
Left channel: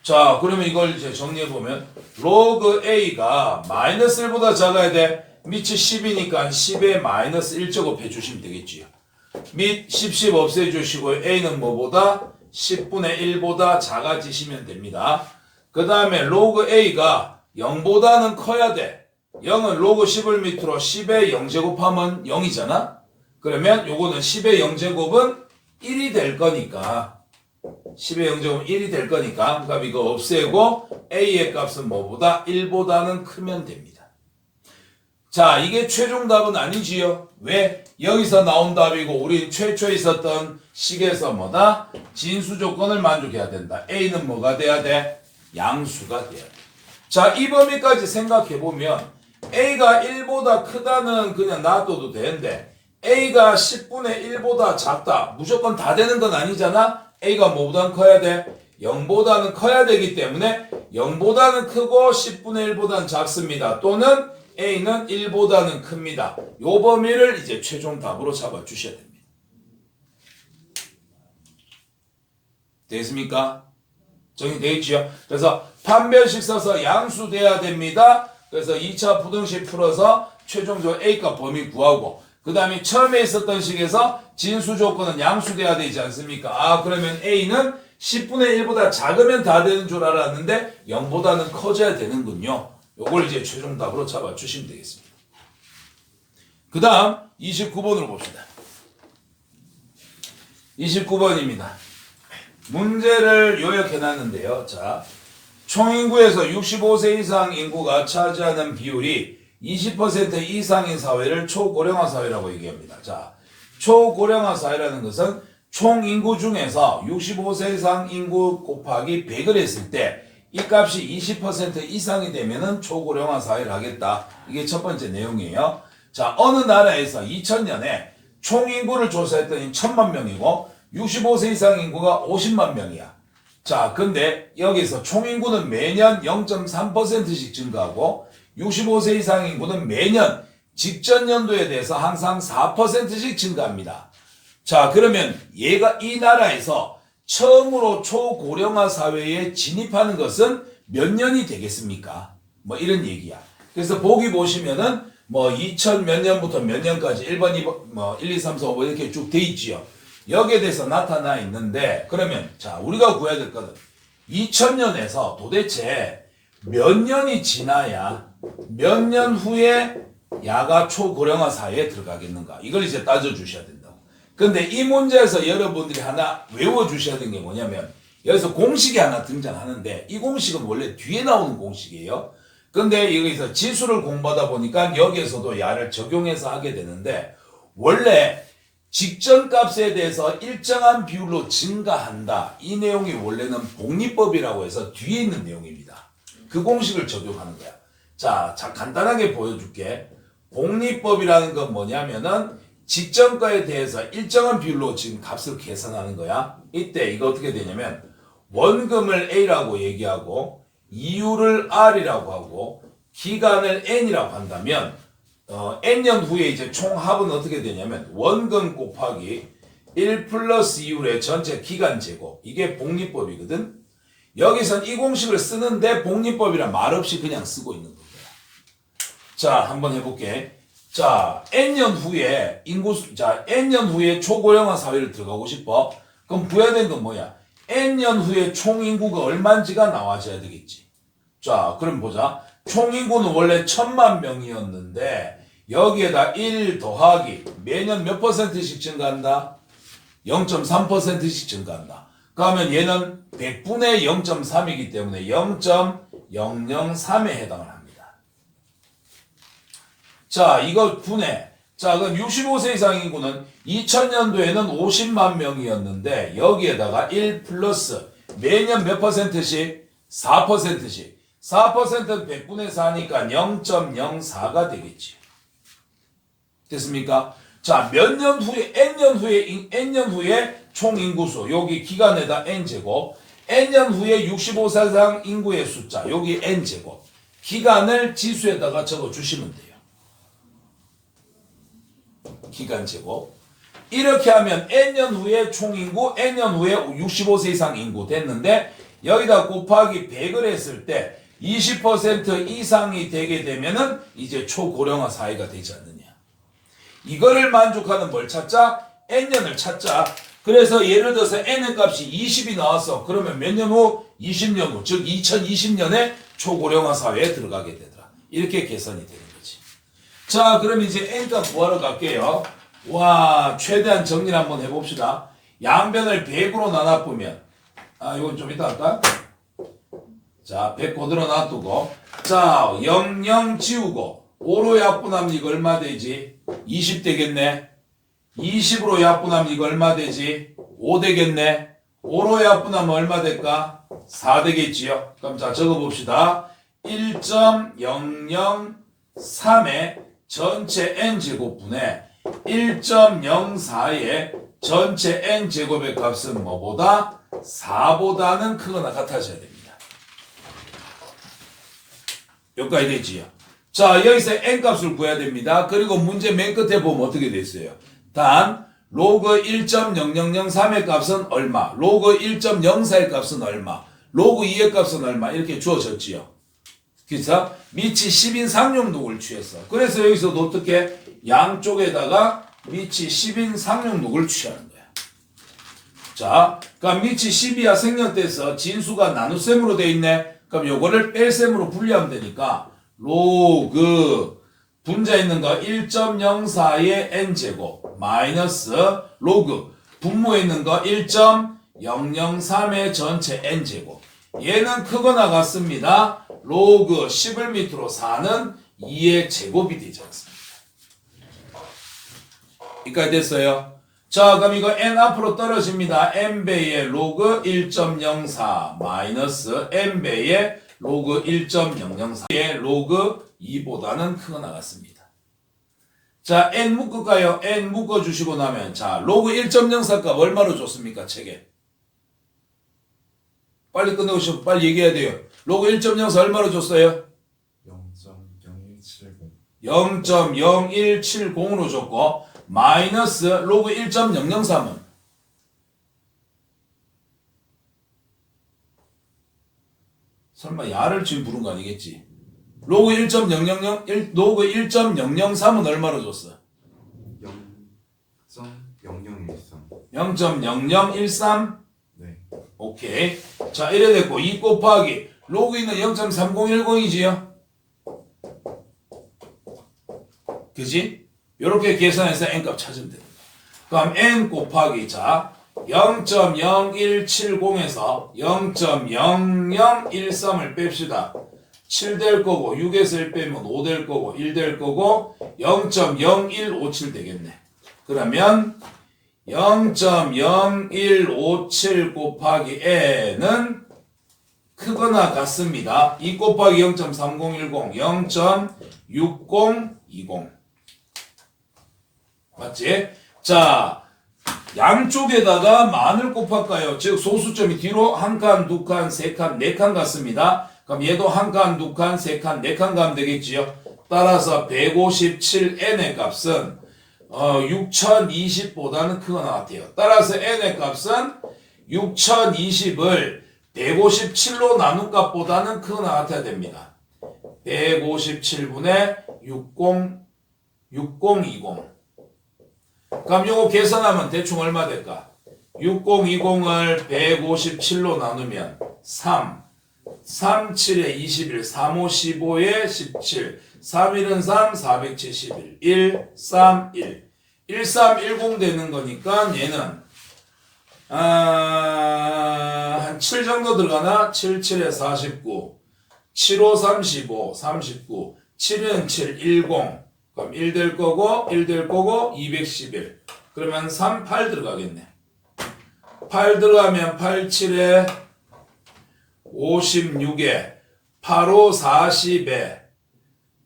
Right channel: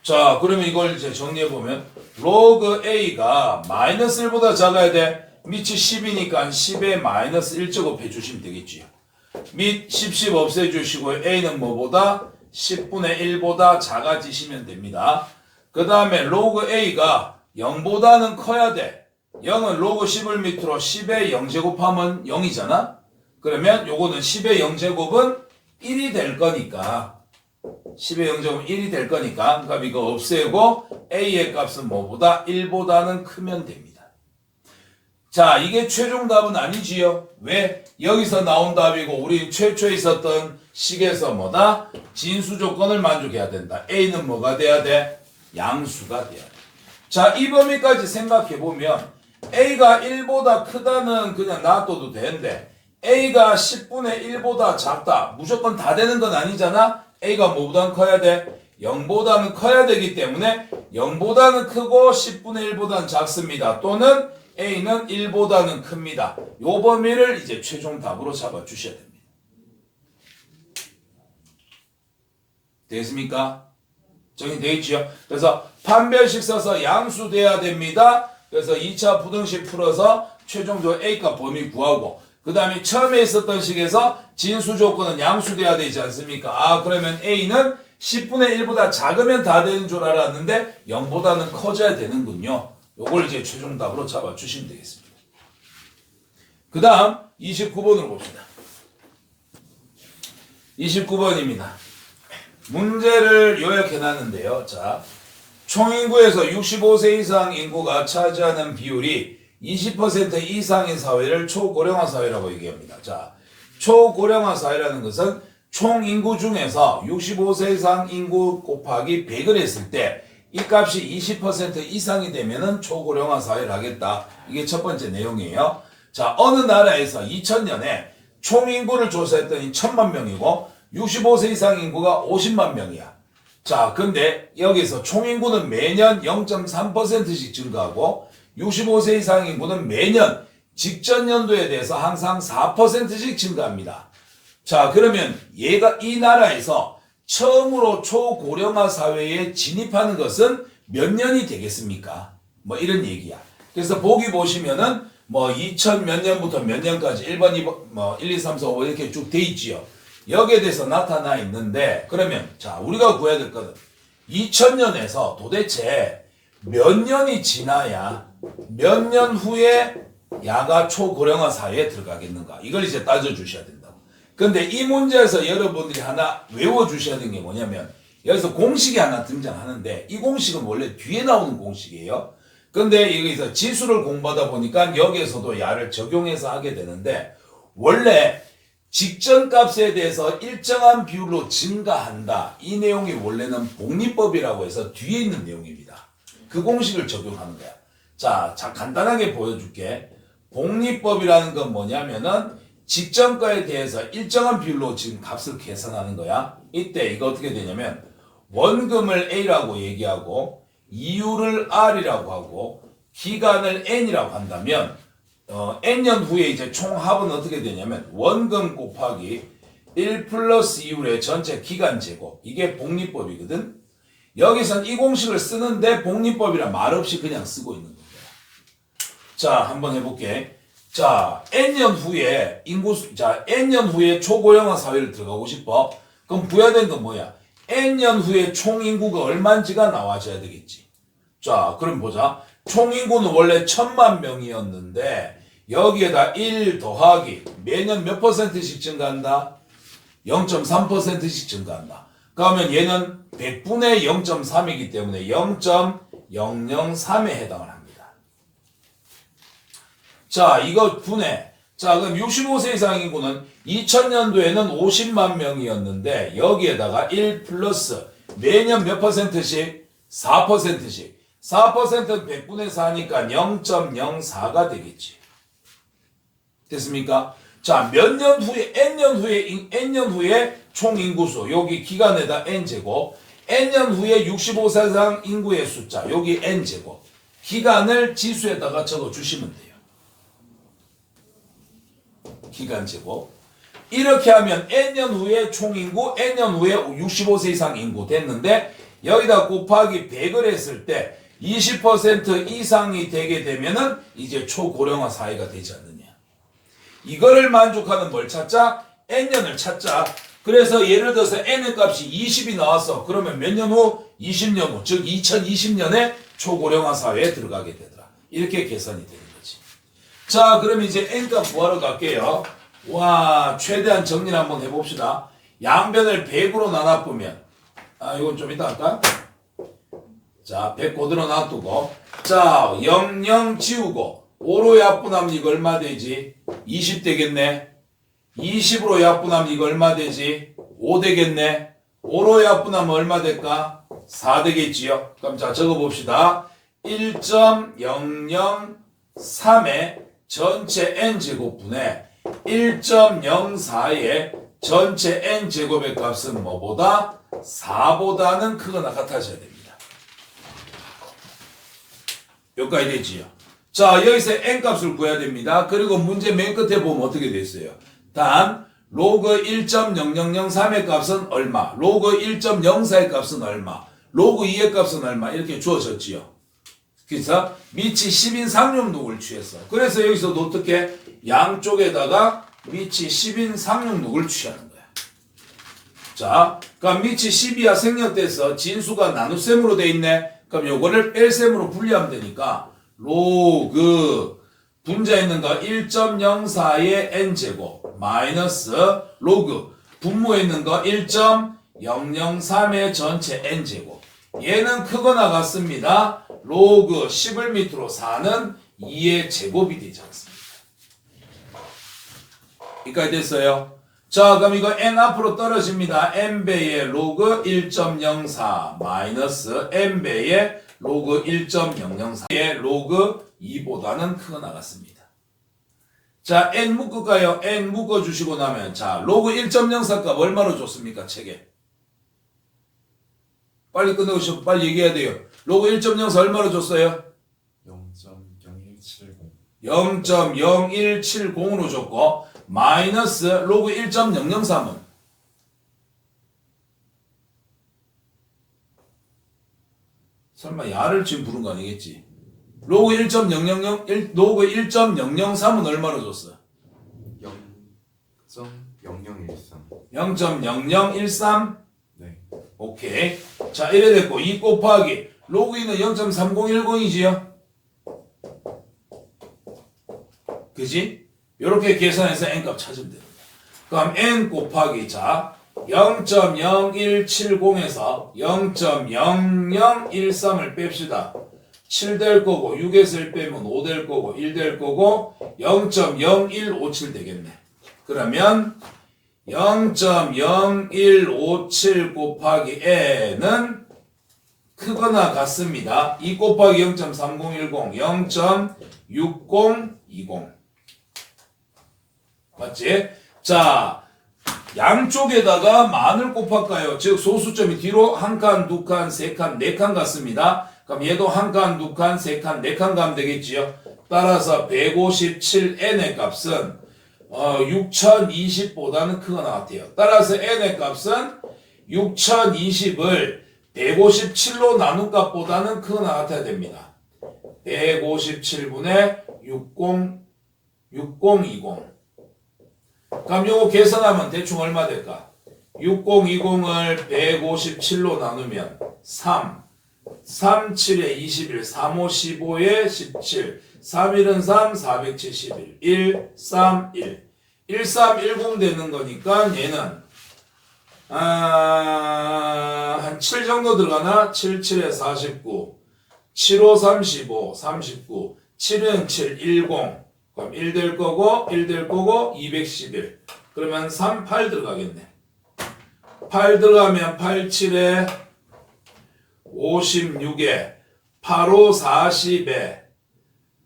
자, 그러면 이걸 이제 정리해보면 로그 A가 마이너스 1보다 작아야 돼. 밑이 10이니까 10에 마이너스 1제곱 해주시면 되겠지요. 밑 10 없애주시고 A는 뭐보다? 10분의 1보다 작아지시면 됩니다. 그 다음에 로그 A가 0보다는 커야 돼. 0은 로그 10을 밑으로 10에 0제곱하면 0이잖아? 그러면 요거는 10의 0제곱은 1이 될 거니까 10의 0제곱은 1이 될 거니까 그럼 이거 없애고 A의 값은 뭐보다? 1보다는 크면 됩니다. 자, 이게 최종 답은 아니지요. 왜? 여기서 나온 답이고 우리 최초에 있었던 식에서 뭐다? 진수 조건을 만족해야 된다. A는 뭐가 돼야 돼? 양수가 돼야 돼. 자, 이 범위까지 생각해보면 A가 1보다 크다는 그냥 놔둬도 되는데 A가 10분의 1보다 작다. 무조건 다 되는 건 아니잖아? A가 뭐보다는 커야 돼? 0보다는 커야 되기 때문에 0보다는 크고 10분의 1보다는 작습니다. 또는 A는 1보다는 큽니다. 요 범위를 이제 최종 답으로 잡아주셔야 됩니다. 됐습니까? 정리되어 있죠? 그래서 판별식 써서 양수 돼야 됩니다. 그래서 2차 부등식 풀어서 최종적으로 A값 범위 구하고 그 다음에 처음에 있었던 식에서 진수 조건은 양수 돼야 되지 않습니까? 아, 그러면 A는 10분의 1보다 작으면 다 되는 줄 알았는데 0보다는 커져야 되는군요. 요걸 이제 최종 답으로 잡아주시면 되겠습니다. 그 다음 29번으로 봅시다. 29번입니다. 문제를 요약해놨는데요. 자, 총인구에서 65세 이상 인구가 차지하는 비율이 20% 이상인 사회를 초고령화 사회라고 얘기합니다. 자, 초고령화 사회라는 것은 총 인구 중에서 65세 이상 인구 곱하기 100을 했을 때 이 값이 20% 이상이 되면은 초고령화 사회를 하겠다. 이게 첫 번째 내용이에요. 자, 어느 나라에서 2000년에 총 인구를 조사했더니 1000만 명이고 65세 이상 인구가 50만 명이야. 자, 근데 여기서 총 인구는 매년 0.3%씩 증가하고 65세 이상 인구는 매년 직전 연도에 대해서 항상 4%씩 증가합니다. 자, 그러면 얘가 이 나라에서 처음으로 초고령화 사회에 진입하는 것은 몇 년이 되겠습니까? 뭐 이런 얘기야. 그래서 보기 보시면은 뭐 2000 몇 년부터 몇 년까지 1번, 2번, 뭐 1, 2, 3, 4, 5 이렇게 쭉 돼 있지요. 여기에 대해서 나타나 있는데 그러면 자, 우리가 구해야 될 거는 2000년에서 도대체 몇 년이 지나야 몇 년 후에 야가 초고령화 사회에 들어가겠는가? 이걸 이제 따져주셔야 된다고. 근데 이 문제에서 여러분들이 하나 외워주셔야 되는 게 뭐냐면 여기서 공식이 하나 등장하는데 이 공식은 원래 뒤에 나오는 공식이에요. 근데 여기서 지수를 공부하다 보니까 여기에서도 야를 적용해서 하게 되는데 원래 직전 값에 대해서 일정한 비율로 증가한다. 이 내용이 원래는 복리법이라고 해서 뒤에 있는 내용입니다. 그 공식을 적용하는 거야. 자, 간단하게 보여줄게. 복리법이라는 건 뭐냐면은 직전가에 대해서 일정한 비율로 지금 값을 계산하는 거야. 이때 이거 어떻게 되냐면 원금을 A라고 얘기하고 이율을 R이라고 하고 기간을 N이라고 한다면 N년 후에 이제 총합은 어떻게 되냐면 원금 곱하기 1 플러스 이율의 전체 기간 제곱 이게 복리법이거든. 여기선 이 공식을 쓰는데 복리법이란 말 없이 그냥 쓰고 있는 거예요. 자, 한번 해볼게. 자, n년 후에 n년 후에 초고령화 사회를 들어가고 싶어. 그럼 부여된 건 뭐야? n년 후에 총인구가 얼마인지가 나와줘야 되겠지. 자, 그럼 보자. 총인구는 원래 1000만 명이었는데 여기에다 1 더하기 매년 몇 %씩 증가한다? 0.3%씩 증가한다. 그러면 얘는 100분의 0.3이기 때문에 0.003에 해당을 합니다. 자, 이거 분해. 자, 그럼 65세 이상 인구는 2000년도에는 50만 명이었는데 여기에다가 1 플러스 매년 몇 %씩? 4%씩. 4%는 100분의 4니까 0.04가 되겠지. 됐습니까? 자, 몇 년 후에, n년 후에 총 인구수, 여기 기간에다 n제곱, n년 후에 65세 이상 인구의 숫자, 여기 n제곱, 기간을 지수에다가 적어 주시면 돼요. 기간 제곱. 이렇게 하면 n년 후에 총 인구, n년 후에 65세 이상 인구 됐는데, 여기다 곱하기 100을 했을 때, 20% 이상이 되게 되면은 이제 초고령화 사회가 되지 않느냐. 이거를 만족하는 뭘 찾자? n년을 찾자. 그래서 예를 들어서 n의 값이 20이 나왔어. 그러면 몇 년 후? 20년 후. 즉 2020년에 초고령화 사회에 들어가게 되더라. 이렇게 계산이 되는 거지. 자, 그럼 이제 n값 구하러 갈게요. 와, 최대한 정리를 한번 해봅시다. 양변을 100으로 나눠보면, 이건 좀 이따 할까? 자, 100 그대로 놔두고, 자, 00 지우고 5로 약분하면 이거 얼마 되지? 20 되겠네. 20으로 약분하면 이거 얼마 되지? 5 되겠네. 5로 약분하면 얼마 될까? 4 되겠지요. 그럼 자, 적어봅시다. 1.003의 전체 n제곱분의 1.04의 전체 n제곱의 값은 뭐보다? 4보다는 크거나 같아져야 됩니다. 여기까지 되지요. 자, 여기서 n값을 구해야 됩니다. 그리고 문제 맨 끝에 보면 어떻게 돼 있어요? 단 로그 1.0003의 값은 얼마? 로그 1.04의 값은 얼마? 로그 2의 값은 얼마? 이렇게 주어졌지요. 그래서 밑이 10인 상용록을 취했어. 그래서 여기서도 어떻게? 양쪽에다가 밑이 10인 상용록을 취하는 거야. 자, 그럼 밑이 10이야 생략돼서 진수가 나눗셈으로 돼 있네. 그럼 요거를 뺄셈으로 분리하면 되니까 로그 분자 있는 거 1.04의 n제곱 마이너스 로그 분모에 있는 거 1.003의 전체 n제곱. 얘는 크거나 같습니다. 로그 10을 밑으로 4는 2의 제곱이 되지 않습니다. 여기까지 됐어요. 자, 그럼 이거 n 앞으로 떨어집니다. n배의 로그 1.04 마이너스 n배의 로그 1.004의 로그 2보다는 크거나 같습니다. 자, n 묶을까요? n 묶어주시고 나면 자, 로그 1.04 값 얼마로 줬습니까? 책에. 빨리 끝내고 빨리 얘기해야 돼요. 로그 1.04 얼마로 줬어요? 0.0170으로 줬고 마이너스 로그 1.003은 설마 야를 지금 부른 거 아니겠지? 로그 1.000 로그 1.003은 얼마로 줬어? 0.0013. 0.0013? 네. 오케이. 자, 이래 됐고 2 곱하기 로그 2는 0.3010이지요? 그지? 요렇게 계산해서 n값 찾으면 됩니다. 그럼 n 곱하기 자 0.0170에서 0.0013을 뺍시다. 7 될 거고 6에서 1 빼면 5 될 거고 1 될 거고 0.0157 되겠네. 그러면 0.0157 곱하기 n은 크거나 같습니다. 2 곱하기 0.3010 0.6020 맞지? 자, 양쪽에다가 만을 곱할까요? 즉 소수점이 뒤로 한 칸, 두 칸, 세 칸, 네 칸 같습니다. 그럼 얘도 한 칸, 두 칸, 세 칸, 네 칸 가면 되겠지요. 따라서 157n의 값은 6020보다는 크거나 같아요. 따라서 n의 값은 6020을 157로 나눈 값보다는 크거나 같아야 됩니다. 157분의 6020. 그럼 요거 계산하면 대충 얼마 될까? 6020을 157로 나누면 3, 7에 21, 3, 5, 15에 17, 3, 1은 3, 471, 1, 3, 1. 1310 되는 거니까 얘는 한 7 정도 들어가나? 7, 7에 49, 7, 5, 35, 39, 7은 7, 10. 그럼 1 될 거고, 1 될 거고, 211. 그러면 3, 8 들어가겠네. 8 들어가면 8, 7에 56에 8, 5, 40에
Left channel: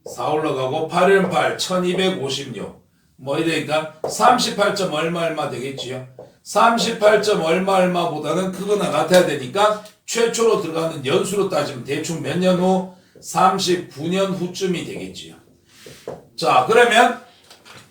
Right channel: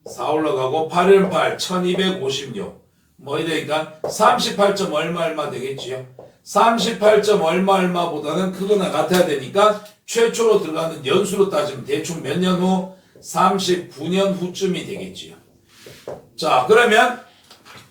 4 올라가고 8은 8, 1256. 뭐 이러니까 38점 얼마 되겠지요. 38점 얼마보다는 크거나 같아야 되니까 최초로 들어가는 연수로 따지면 대충 몇 년 후? 39년 후쯤이 되겠지요. 자, 그러면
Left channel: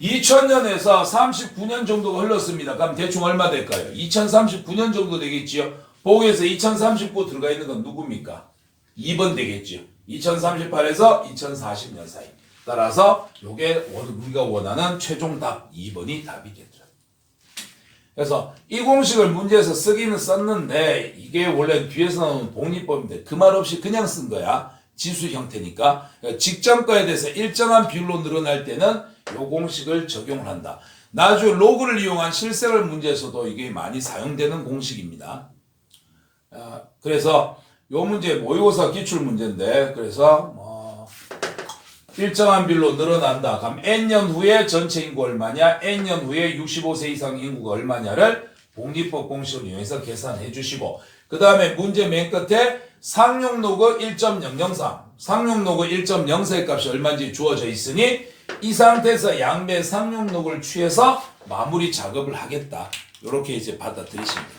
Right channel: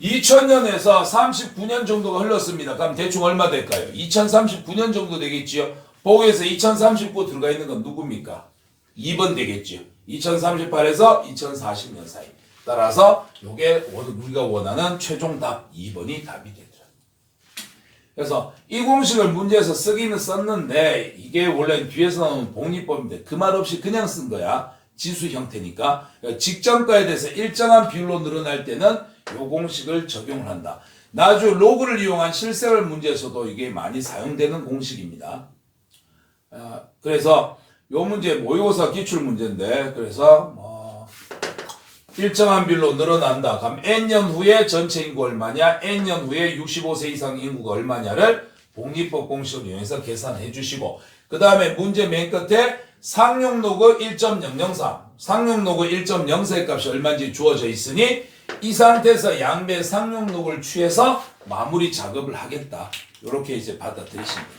2000년에서 39년 정도가 흘렀습니다. 그럼 대충 얼마 될까요? 2039년 정도 되겠지요. 보기에서 2039 들어가 있는 건 누굽니까? 2번 되겠지요. 2038에서 2040년 사이. 따라서 요게 우리가 원하는 최종 답 2번이 답이겠죠. 그래서 이 공식을 문제에서 쓰기는 썼는데 이게 원래 뒤에서 나오는 복리법인데 그 말 없이 그냥 쓴 거야. 지수 형태니까. 그러니까 직전가에 대해서 일정한 비율로 늘어날 때는 요 공식을 적용을 한다. 나중에 로그를 이용한 실생활 문제에서도 이게 많이 사용되는 공식입니다. 그래서 요 문제 모의고사 기출 문제인데 그래서 일정한 비율로 늘어난다. 그럼 N년 후에 전체 인구 얼마냐? N년 후에 65세 이상 인구가 얼마냐를 복리법 공식을 이용해서 계산해 주시고 그 다음에 문제 맨 끝에 상용로그 1.003 상용로그 1.04의 값이 얼마인지 주어져 있으니 이 상태에서 양배 상용로그를 취해서 마무리 작업을 하겠다. 이렇게 이제 받아들이시면 됩니다.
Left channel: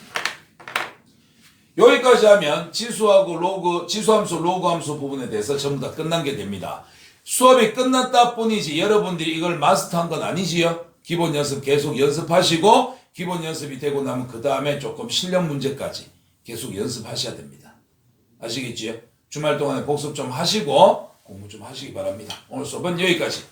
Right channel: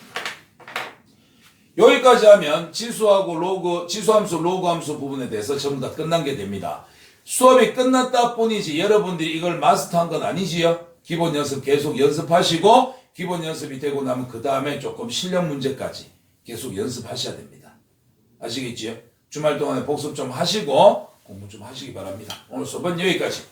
여기까지 하면 지수하고 로그, 지수함수, 로그함수 부분에 대해서 전부 다 끝난 게 됩니다. 수업이 끝났다 뿐이지 여러분들이 이걸 마스터한 건 아니지요. 기본 연습 계속 연습하시고 기본 연습이 되고 나면 그 다음에 조금 실력 문제까지 계속 연습하셔야 됩니다. 아시겠지요? 주말 동안에 복습 좀 하시고 공부 좀 하시기 바랍니다. 오늘 수업은 여기까지.